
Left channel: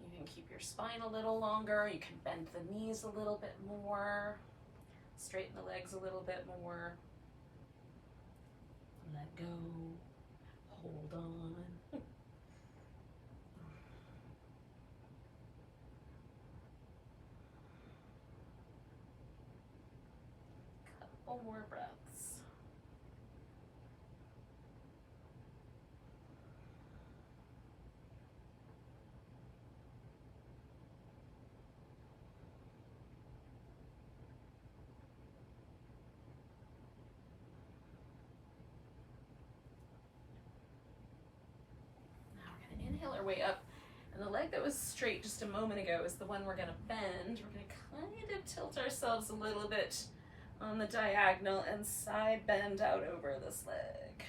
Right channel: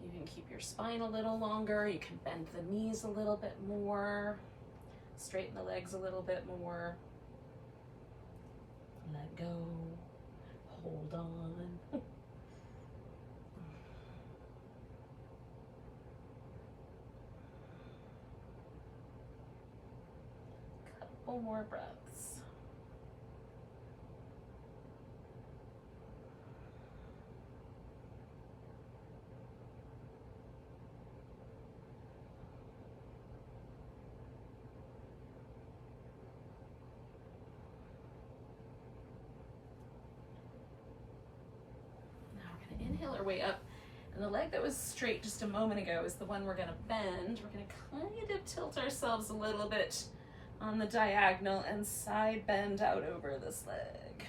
You can keep your spine a little longer. You can bend the knees a little bit more. Straighten the legs a little bit more. Let go, hold on. Couple more breaths. Inhale our way up, and the leg that was straight just a moment ago is the one we're going to bend. We're going to kind of tilt ourselves a little bit on the diagonal and side bend out over this leg.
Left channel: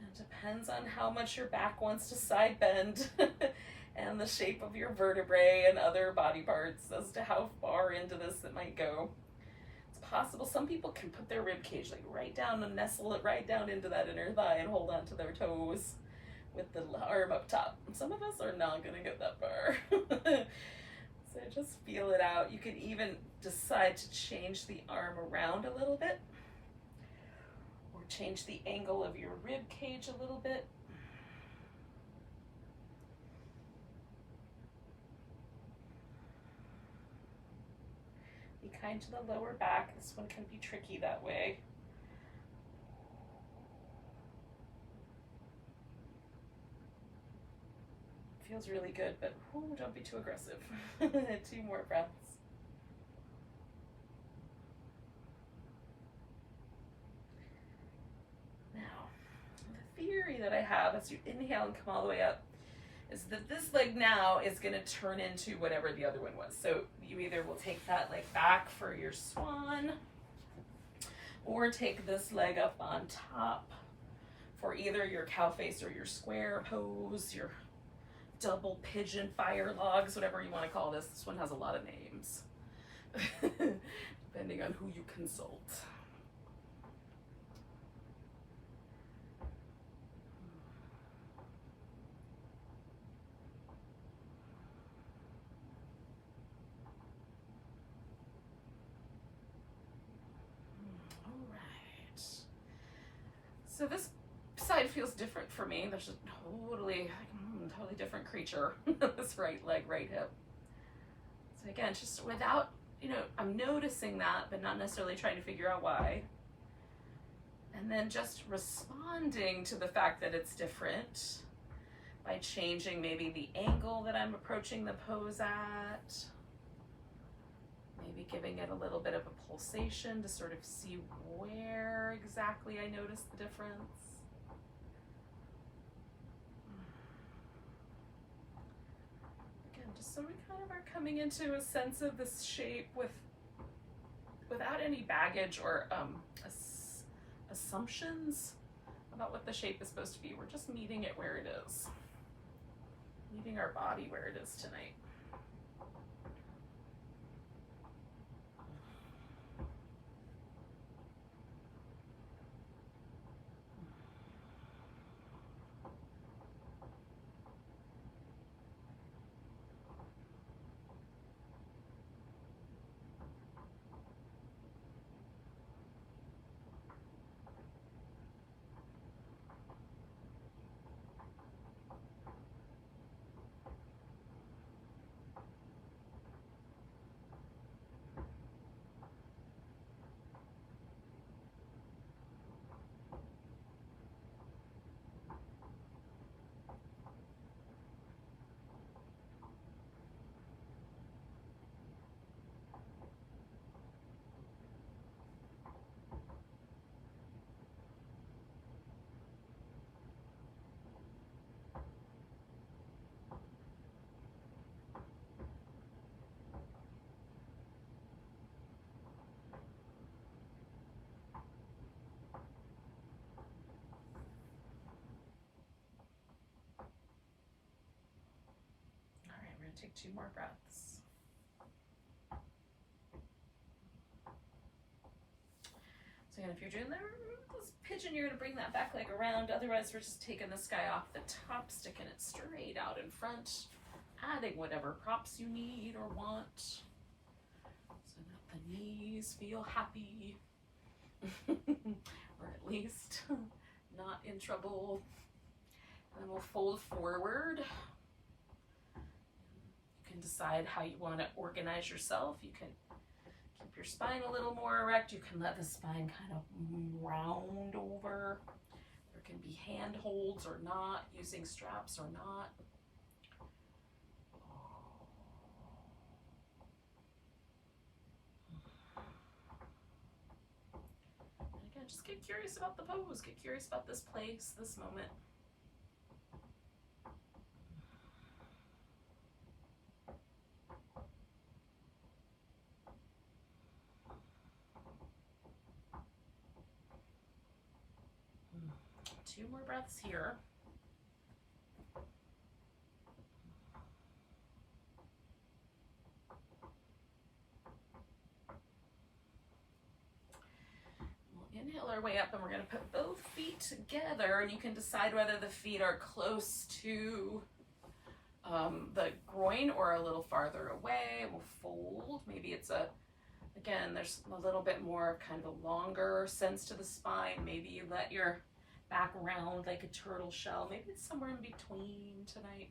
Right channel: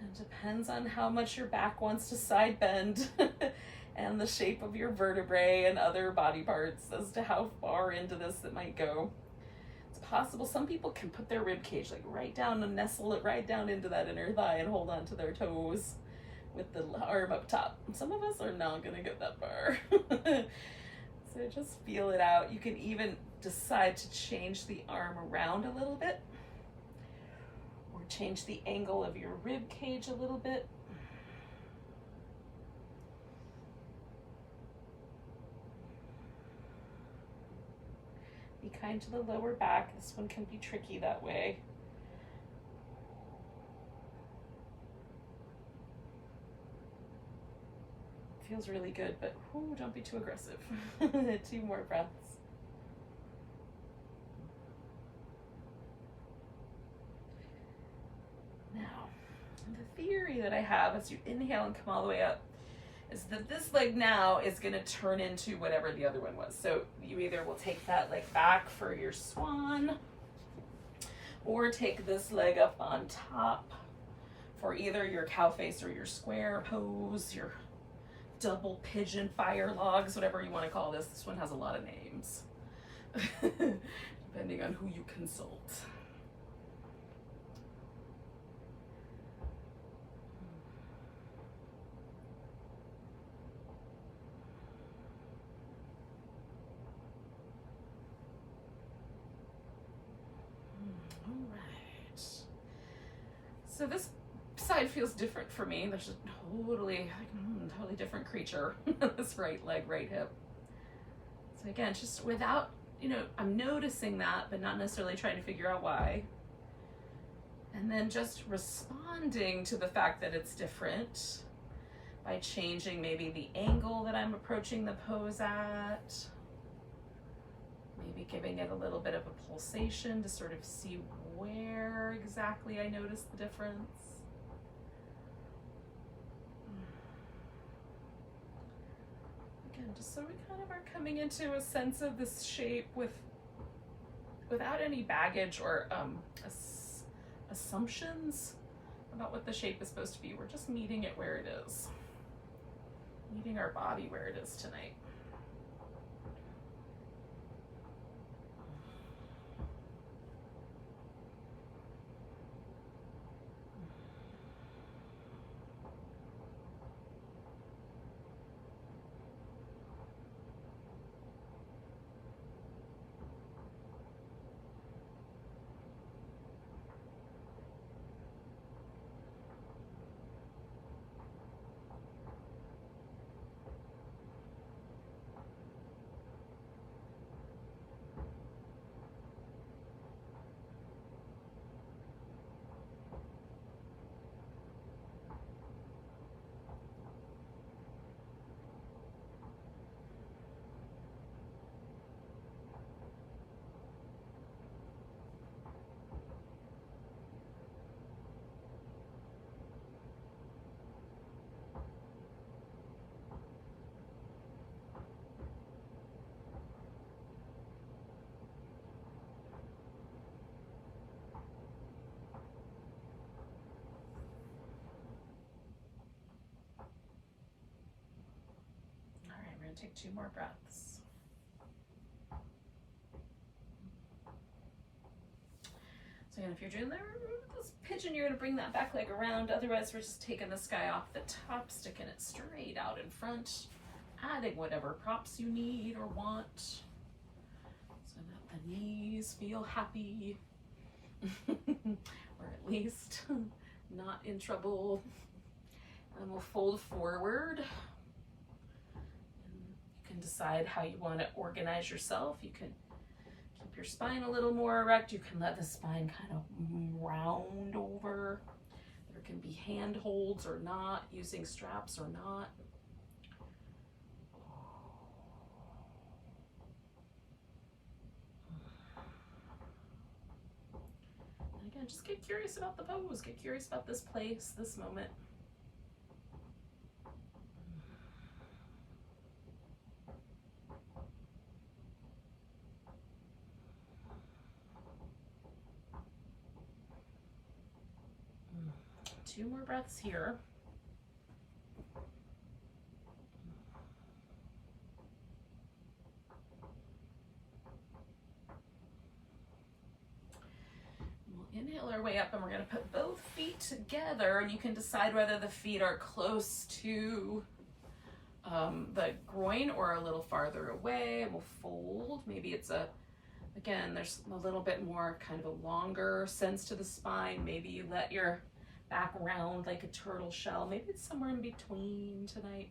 It depends on how much your back wants to side bend and the shape of your vertebrae and other body parts as to how far into this it might go. It's possible some people can put their rib cage like right down and nestle it right down into that inner thigh and hold on to their toes with the arm up top. Some of us are not gonna get that far. So just feel it out. You can even decide to change the arm around a little bit or change the angle of your rib cage a little bit. Be kind to the lower back. This one can be tricky that way. Feels really good, but don't be too aggressive. 2 more breaths. Now, the theory that I have as you inhale and come all the way up is that this leg now is going to turn into whatever the other one was. So you either will take that leg back for your swan, or take this leg up on top for either your cow face or your square pose, your double pigeon fire logs, whatever you want to call this. This one has a lot of names, depending on who you consult. So this side feels different for me. There's a totally different creature. This right leg, right hip. So again, just without, I'm noticing that, but not necessarily trying to figure out why. And then just responding to the fact that it's different by changing maybe the angle that I'm approaching the pose at. Maybe giving it a little bit of a pulsation to sort of see where exactly I notice the difference. Again, just so we kind of are coming into a sense of this shape without any baggage or assumptions about what the shape is supposed to be. We're just meeting it where it is. Meeting our body where it is tonight. Take 2 more breaths. So again, if you're doing this pigeon, you're going to bring that back leg around. Otherwise, we're just taking this guy off the top, sticking it straight out in front, adding whatever props you need or want so that the knees feel happy, or at least not in trouble. And then we'll fold forward. Decide how you want to organize yourself. You can keep your spine a little more erect. You can let the spine kind of round over. There can be hand holds or not, using straps or not. And again, just get curious about the pose. Get curious about this place, this moment. Two more breaths here. We'll inhale our way up, and we're going to put both feet together, and you can decide whether the feet are close to the groin or a little farther away. We'll fold. Maybe it's again, there's a little bit more kind of a longer sense to the spine. Maybe you let your back round like a turtle shell. Maybe it's somewhere in between tonight.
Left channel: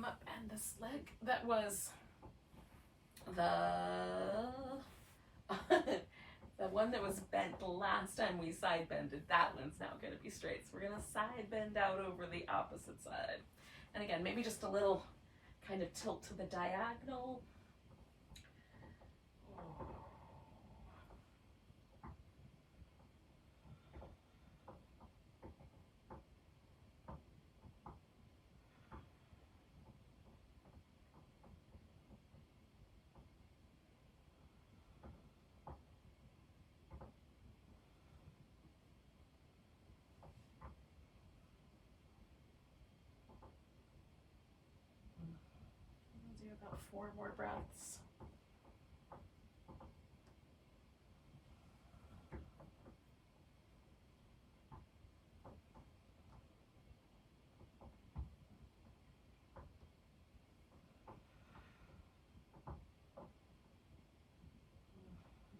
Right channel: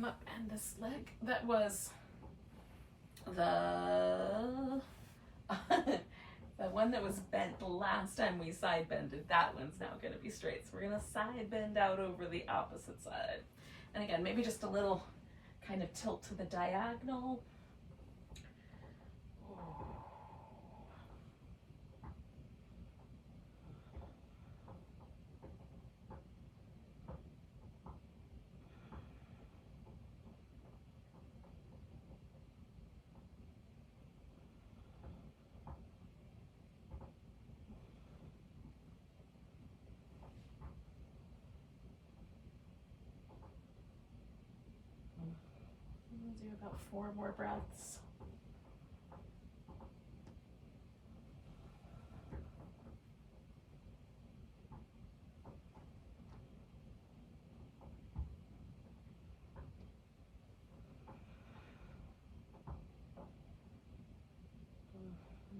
come up, and this leg that was the the one that was bent the last time we side bended, that one's now going to be straight. So we're going to side bend out over the opposite side. And again, maybe just a little kind of tilt to the diagonal. Do about 4 more breaths.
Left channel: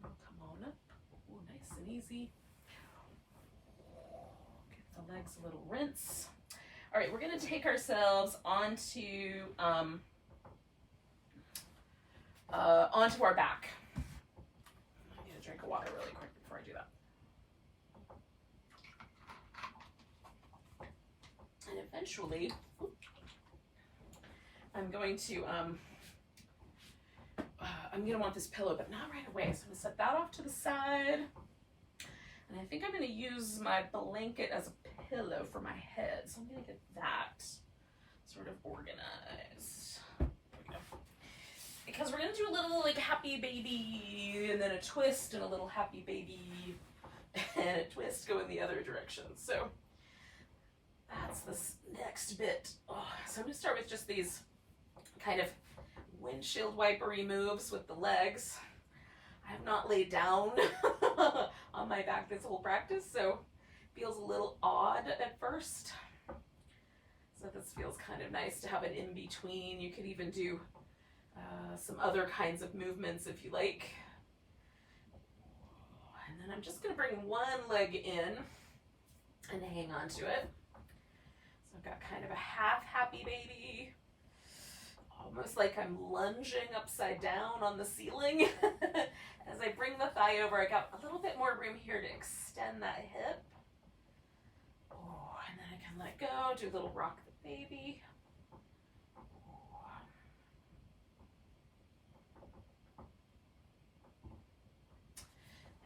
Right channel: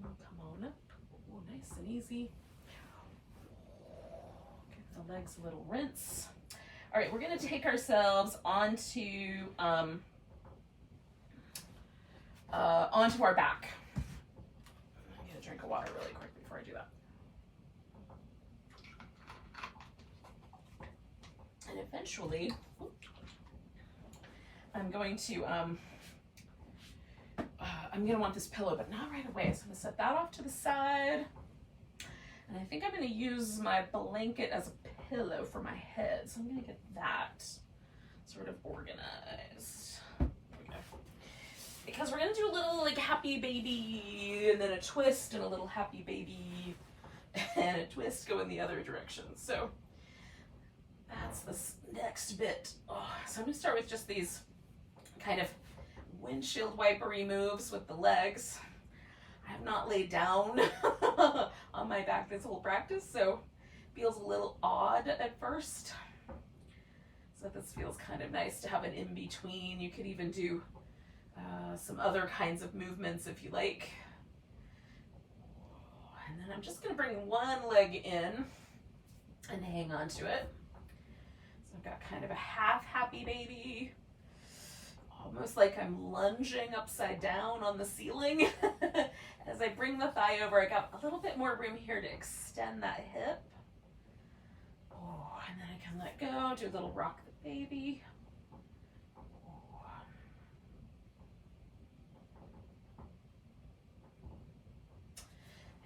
Come on up. Oh, nice and easy. Give the legs a little rinse. All right, we're going to take ourselves onto our back. I need a drink of water really quick before I do that. And eventually, I'm going to want this pillow, but not right away. So I'm going to set that off to the side. And I think I'm going to use my blanket as a pillow for my head. So I'm going to get that sort of organized. Because we're going to do a little like happy baby, and then a twist, and a little happy baby, and a twist go in the other direction. So that's this next bit. Oh, so I'm going to start with just these kind of windshield wipery moves with the legs. I have not laid down on my back this whole practice, so feels a little odd at first. So this feels kind of nice to have an in-between. You could even do some other kinds of movements if you like. And then I'm just going to bring one leg in and hang on to it. So I've got kind of a half happy baby, almost like I'm lunging upside down on the ceiling. As I bring the thigh over, I got a little bit more room here to extend that hip. Oh, and then I can let go, do a little rock the baby.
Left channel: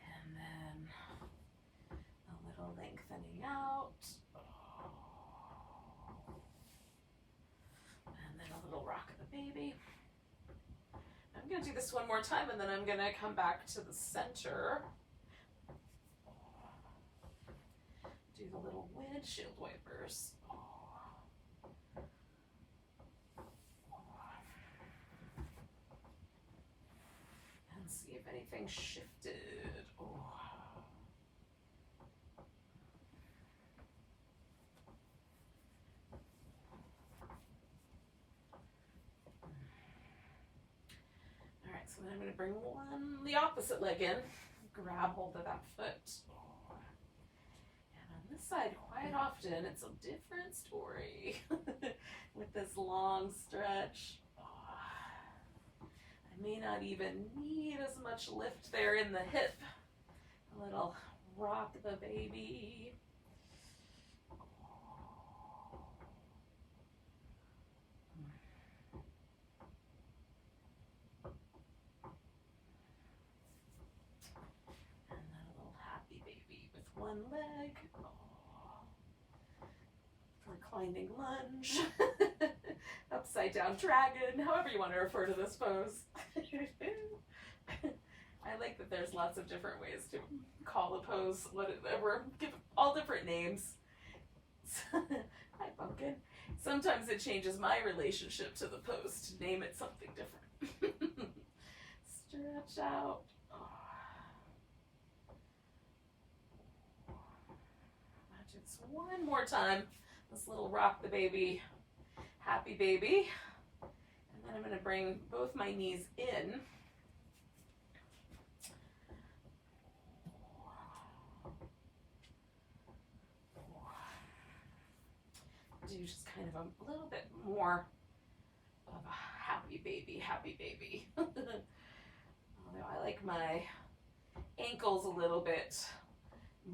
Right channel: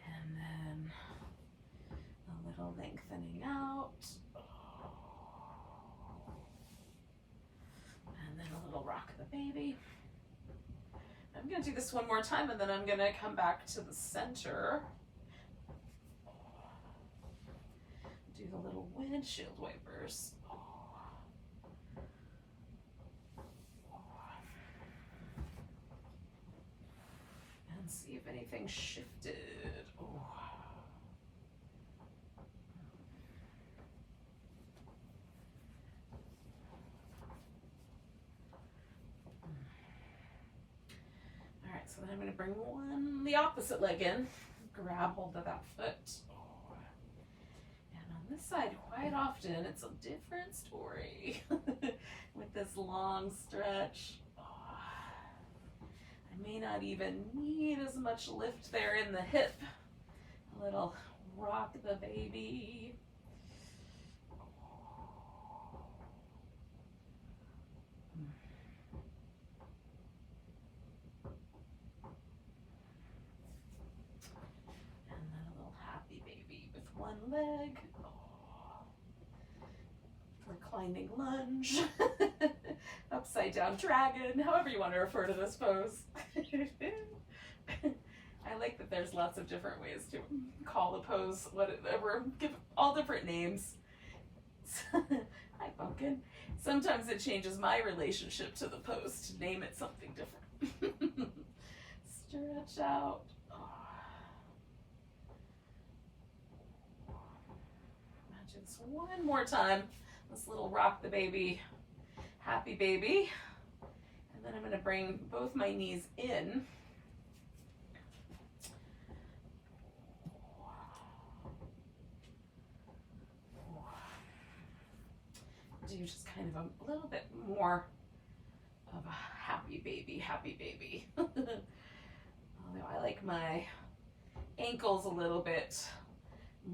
And then a little lengthening out. And then a little rock the baby. I'm going to do this one more time, and then I'm going to come back to the center. Do the little windshield wipers. And see if anything shifted. So then I'm going to bring the opposite leg in, grab hold of that foot. And on this side, quite often, it's a different story with this long stretch. I may not even need as much lift there in the hip. A little rock the baby. One leg, reclining lunge, upside down dragon, however you want to refer to this pose. I like that there's lots of different ways to call a pose, whatever, give all different names. Hi, pumpkin. Sometimes it changes my relationship to the pose to name it something different. Stretch out. One more time, this little rock the baby, happy baby. And then I'm going to bring both my knees in. Do just kind of a little bit more happy baby, happy baby. Although I like my ankles a little bit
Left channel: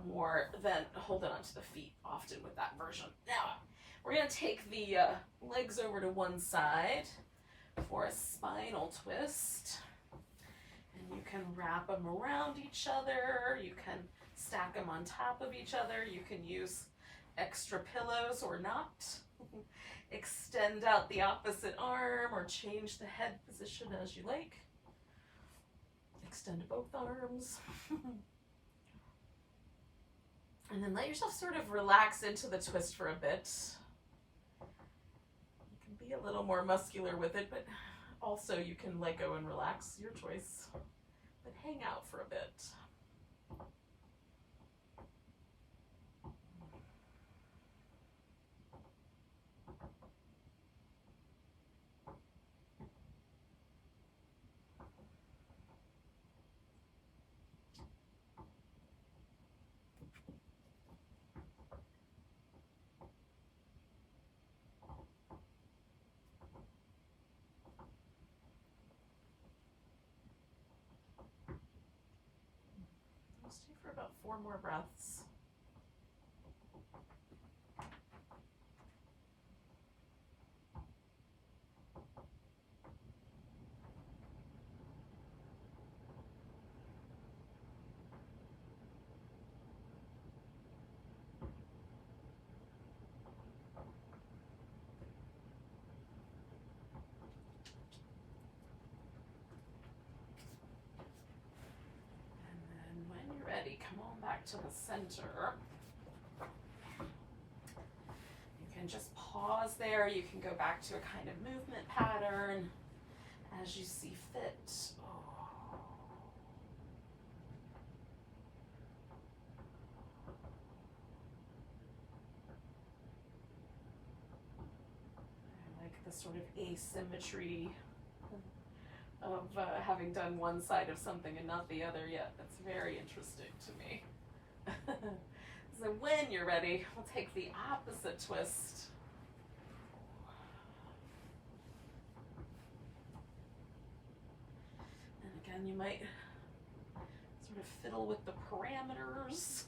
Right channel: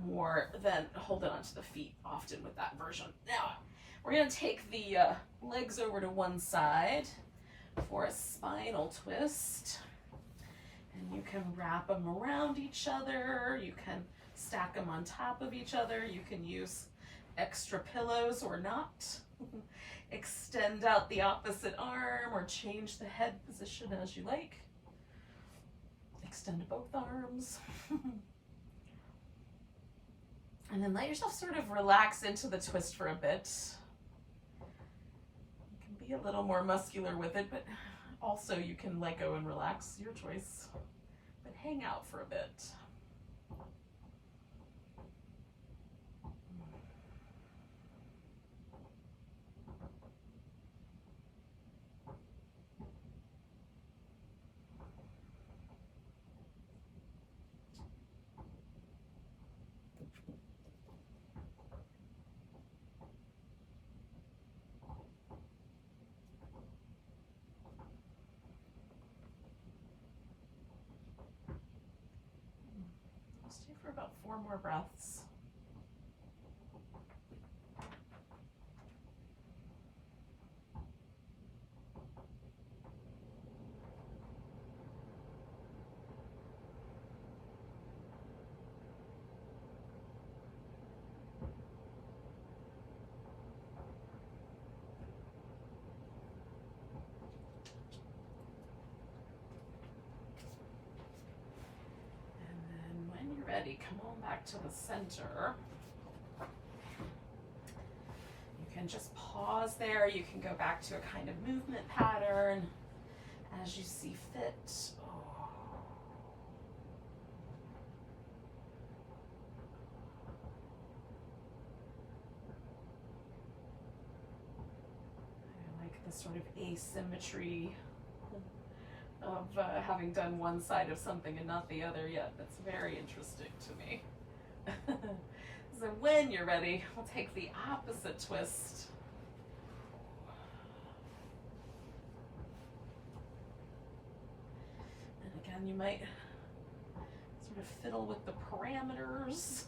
more than holding onto the feet often with that version. Now, we're gonna take the legs over to one side for a spinal twist. And you can wrap them around each other. You can stack them on top of each other. You can use extra pillows or not. Extend out the opposite arm or change the head position as you like. Extend both arms. And then let yourself sort of relax into the twist for a bit. You can be a little more muscular with it, but also you can let go and relax, your choice. But hang out for a bit. Stay for about 4 more breaths. Ready, come on back to the center. You can just pause there. You can go back to a kind of movement pattern as you see fit. I like the sort of asymmetry of having done one side of something and not the other yet. That's very interesting to me. So when you're ready, we'll take the opposite twist. And again, you might sort of fiddle with the parameters.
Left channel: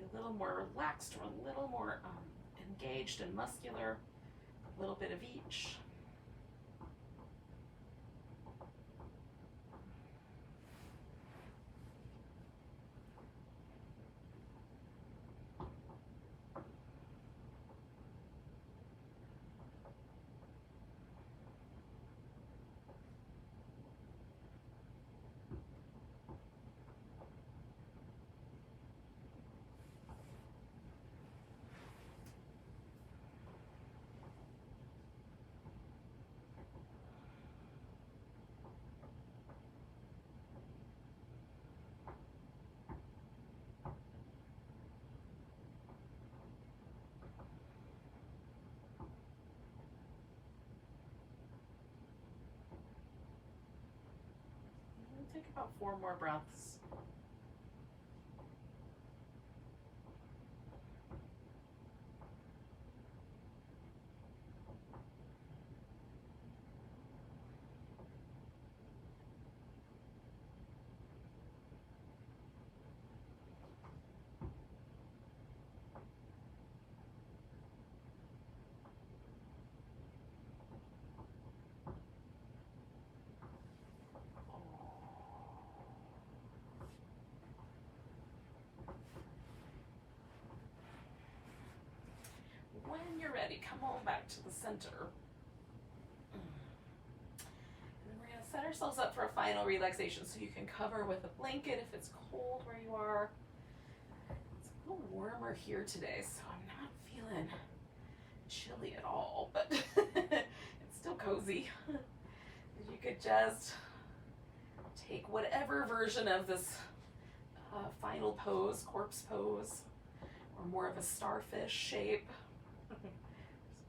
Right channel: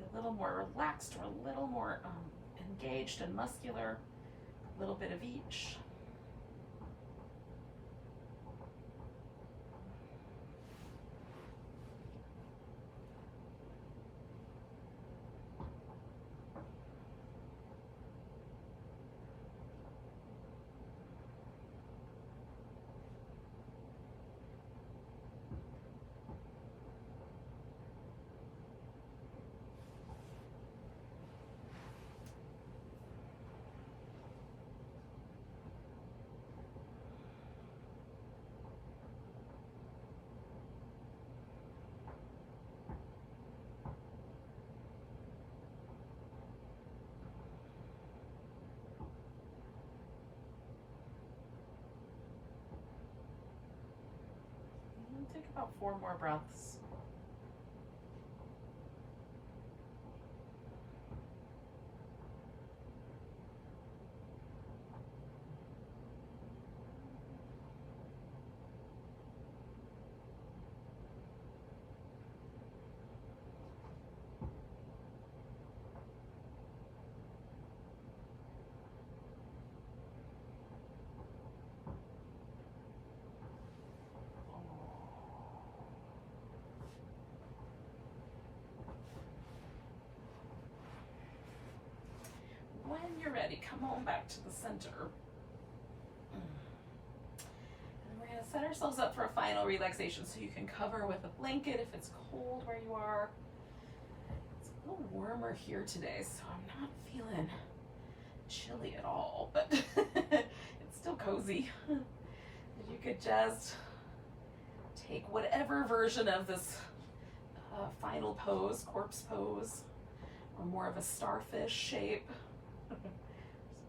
A little more relaxed or a little more engaged and muscular, a little bit of each. Take about 4 more breaths. When you're ready, come on back to the center. And we're going to set ourselves up for a final relaxation, so you can cover with a blanket if it's cold where you are. It's a little warmer here today, so I'm not feeling chilly at all, but it's still cozy. You could just take whatever version of this final pose, corpse pose, or more of a starfish shape. Just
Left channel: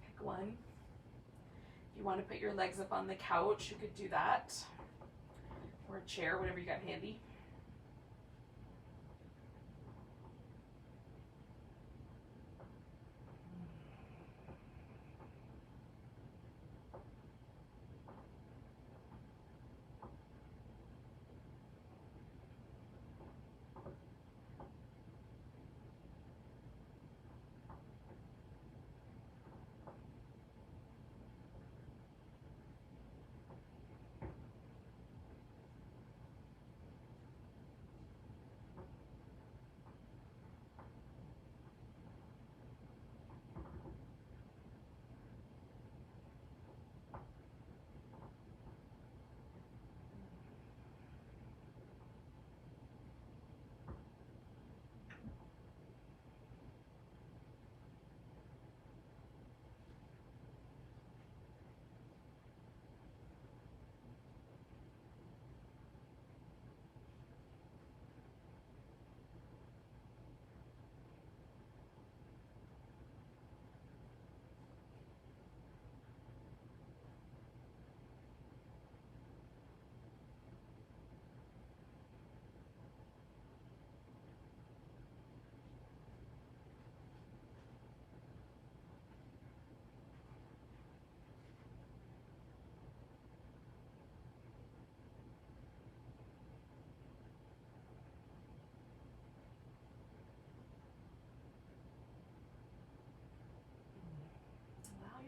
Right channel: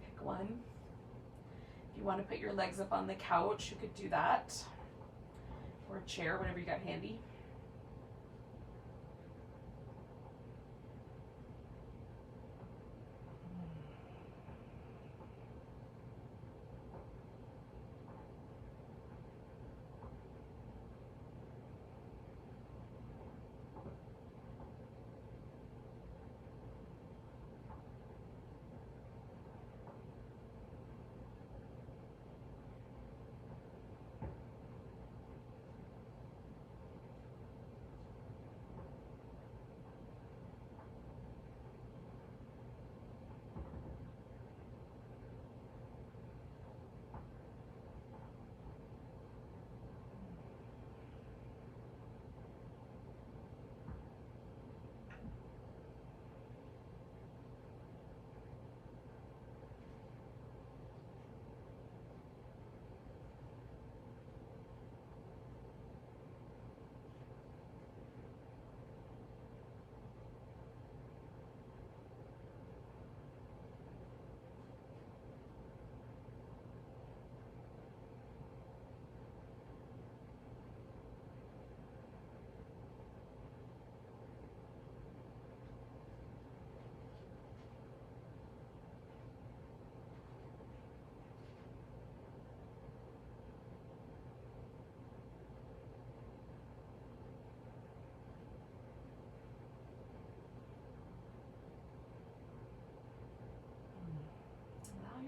pick one. If you want to put your legs up on the couch, you could do that, or a chair, whatever you got handy.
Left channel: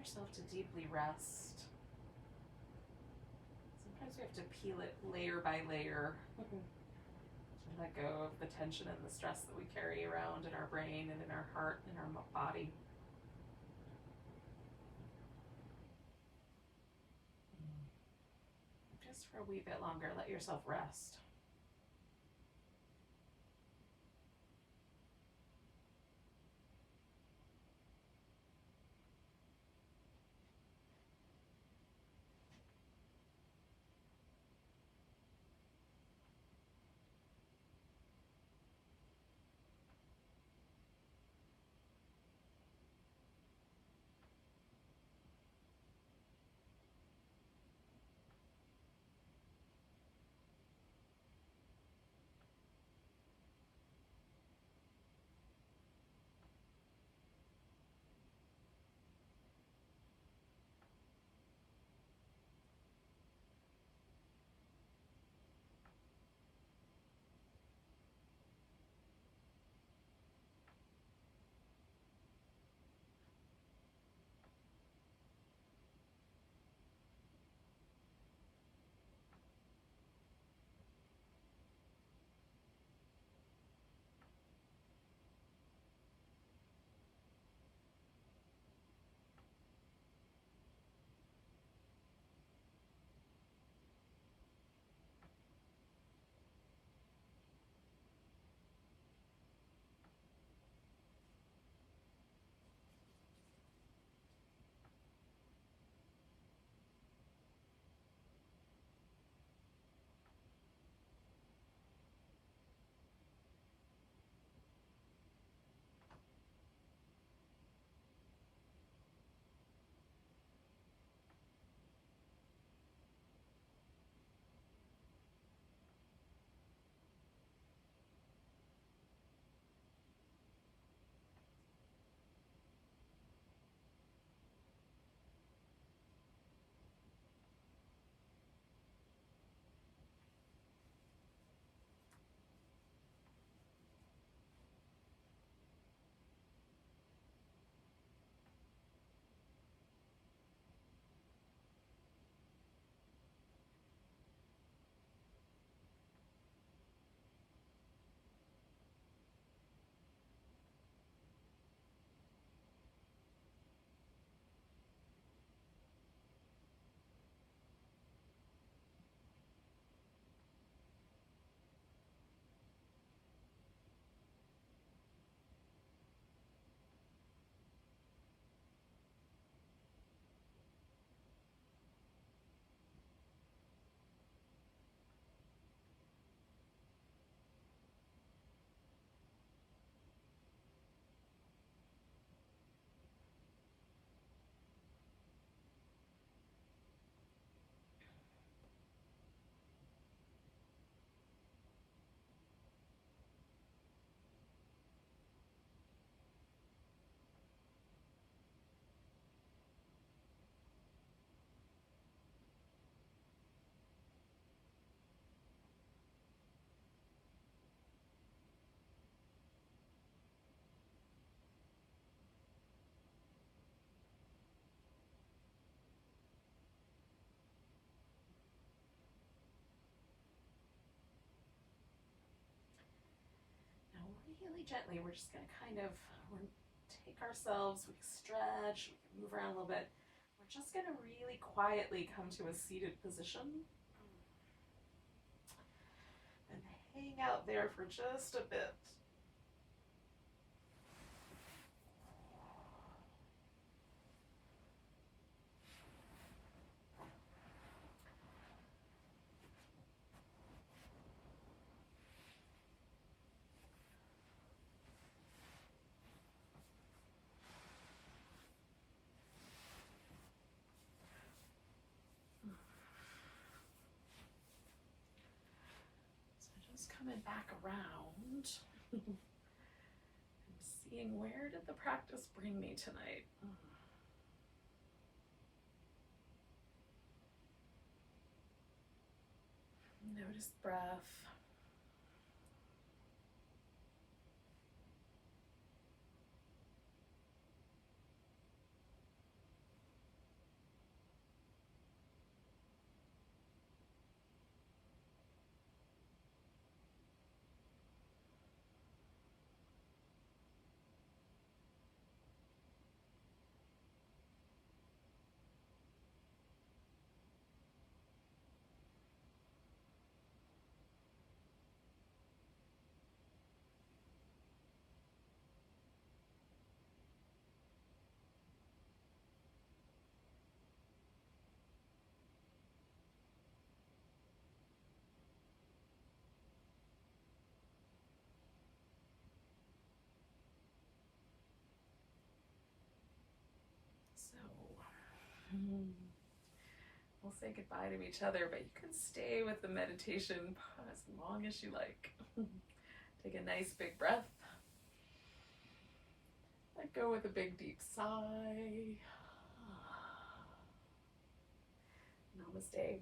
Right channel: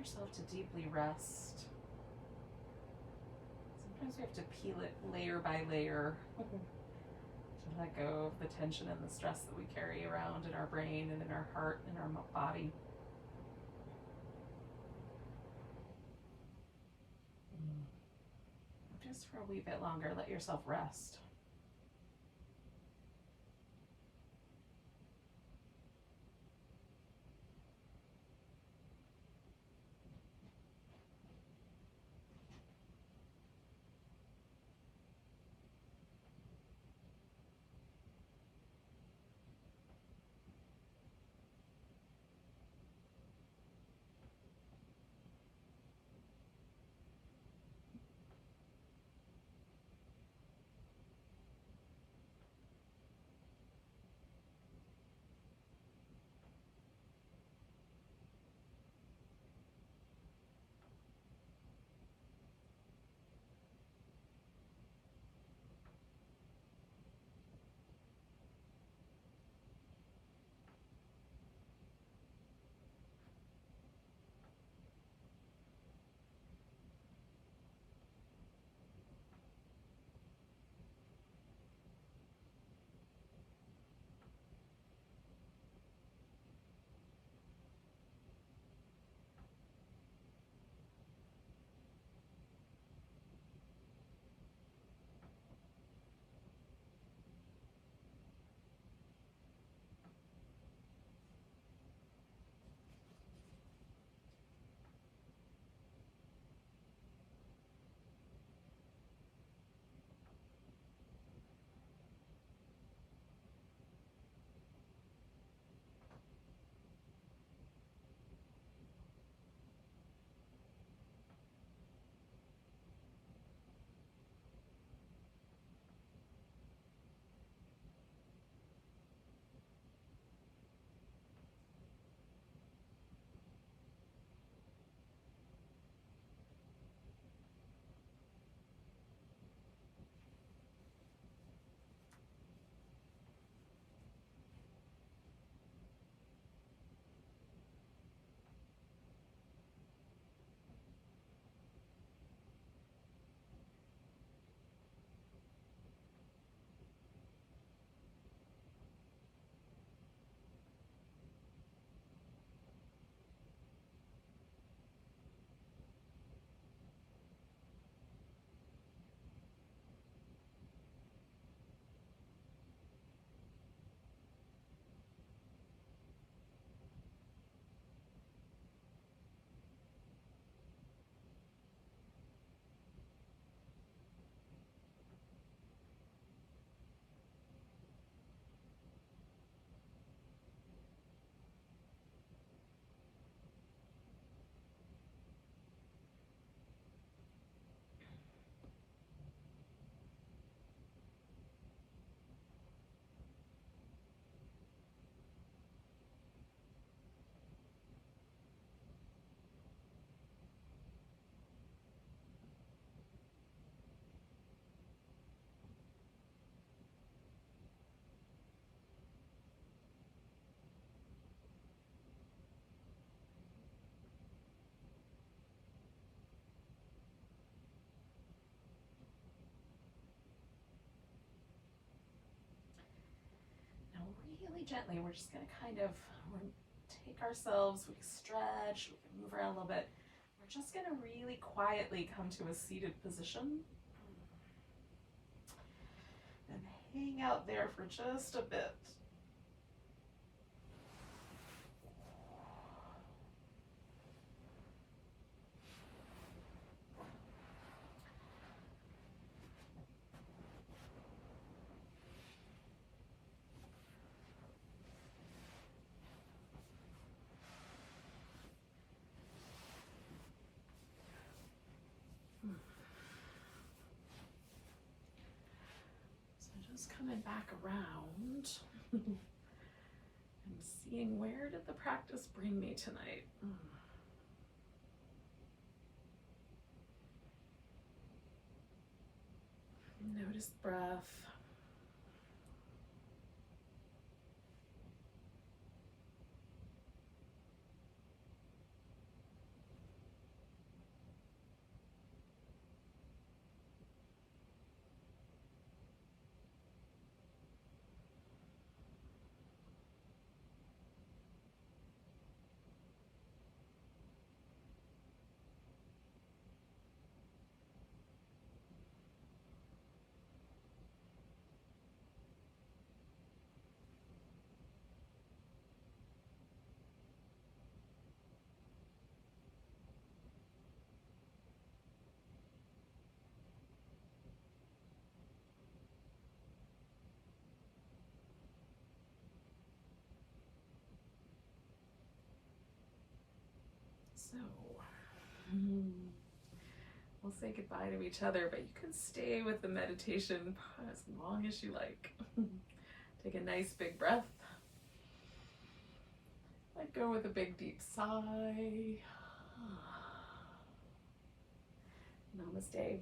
yourself to deeply rest. Sometimes we have to peel it layer by layer to let go of the tension and the stress that we carry around in our brain and in our heart and our body. Just for a wee bit longer, let yourself rest. Really gently, we're just going to kind of take ourselves, we can stretch, we can move around a little bit. We're just going to really quietly come to a seated position and hang out there for just a bit. Just coming back around and seeing, where did the practice bring me tonight? Notice the breath. So, we'll say goodbye to each other, but you can stay with the meditation as long as you like. Take a nice big breath. Let go with a big deep sigh. Namaste.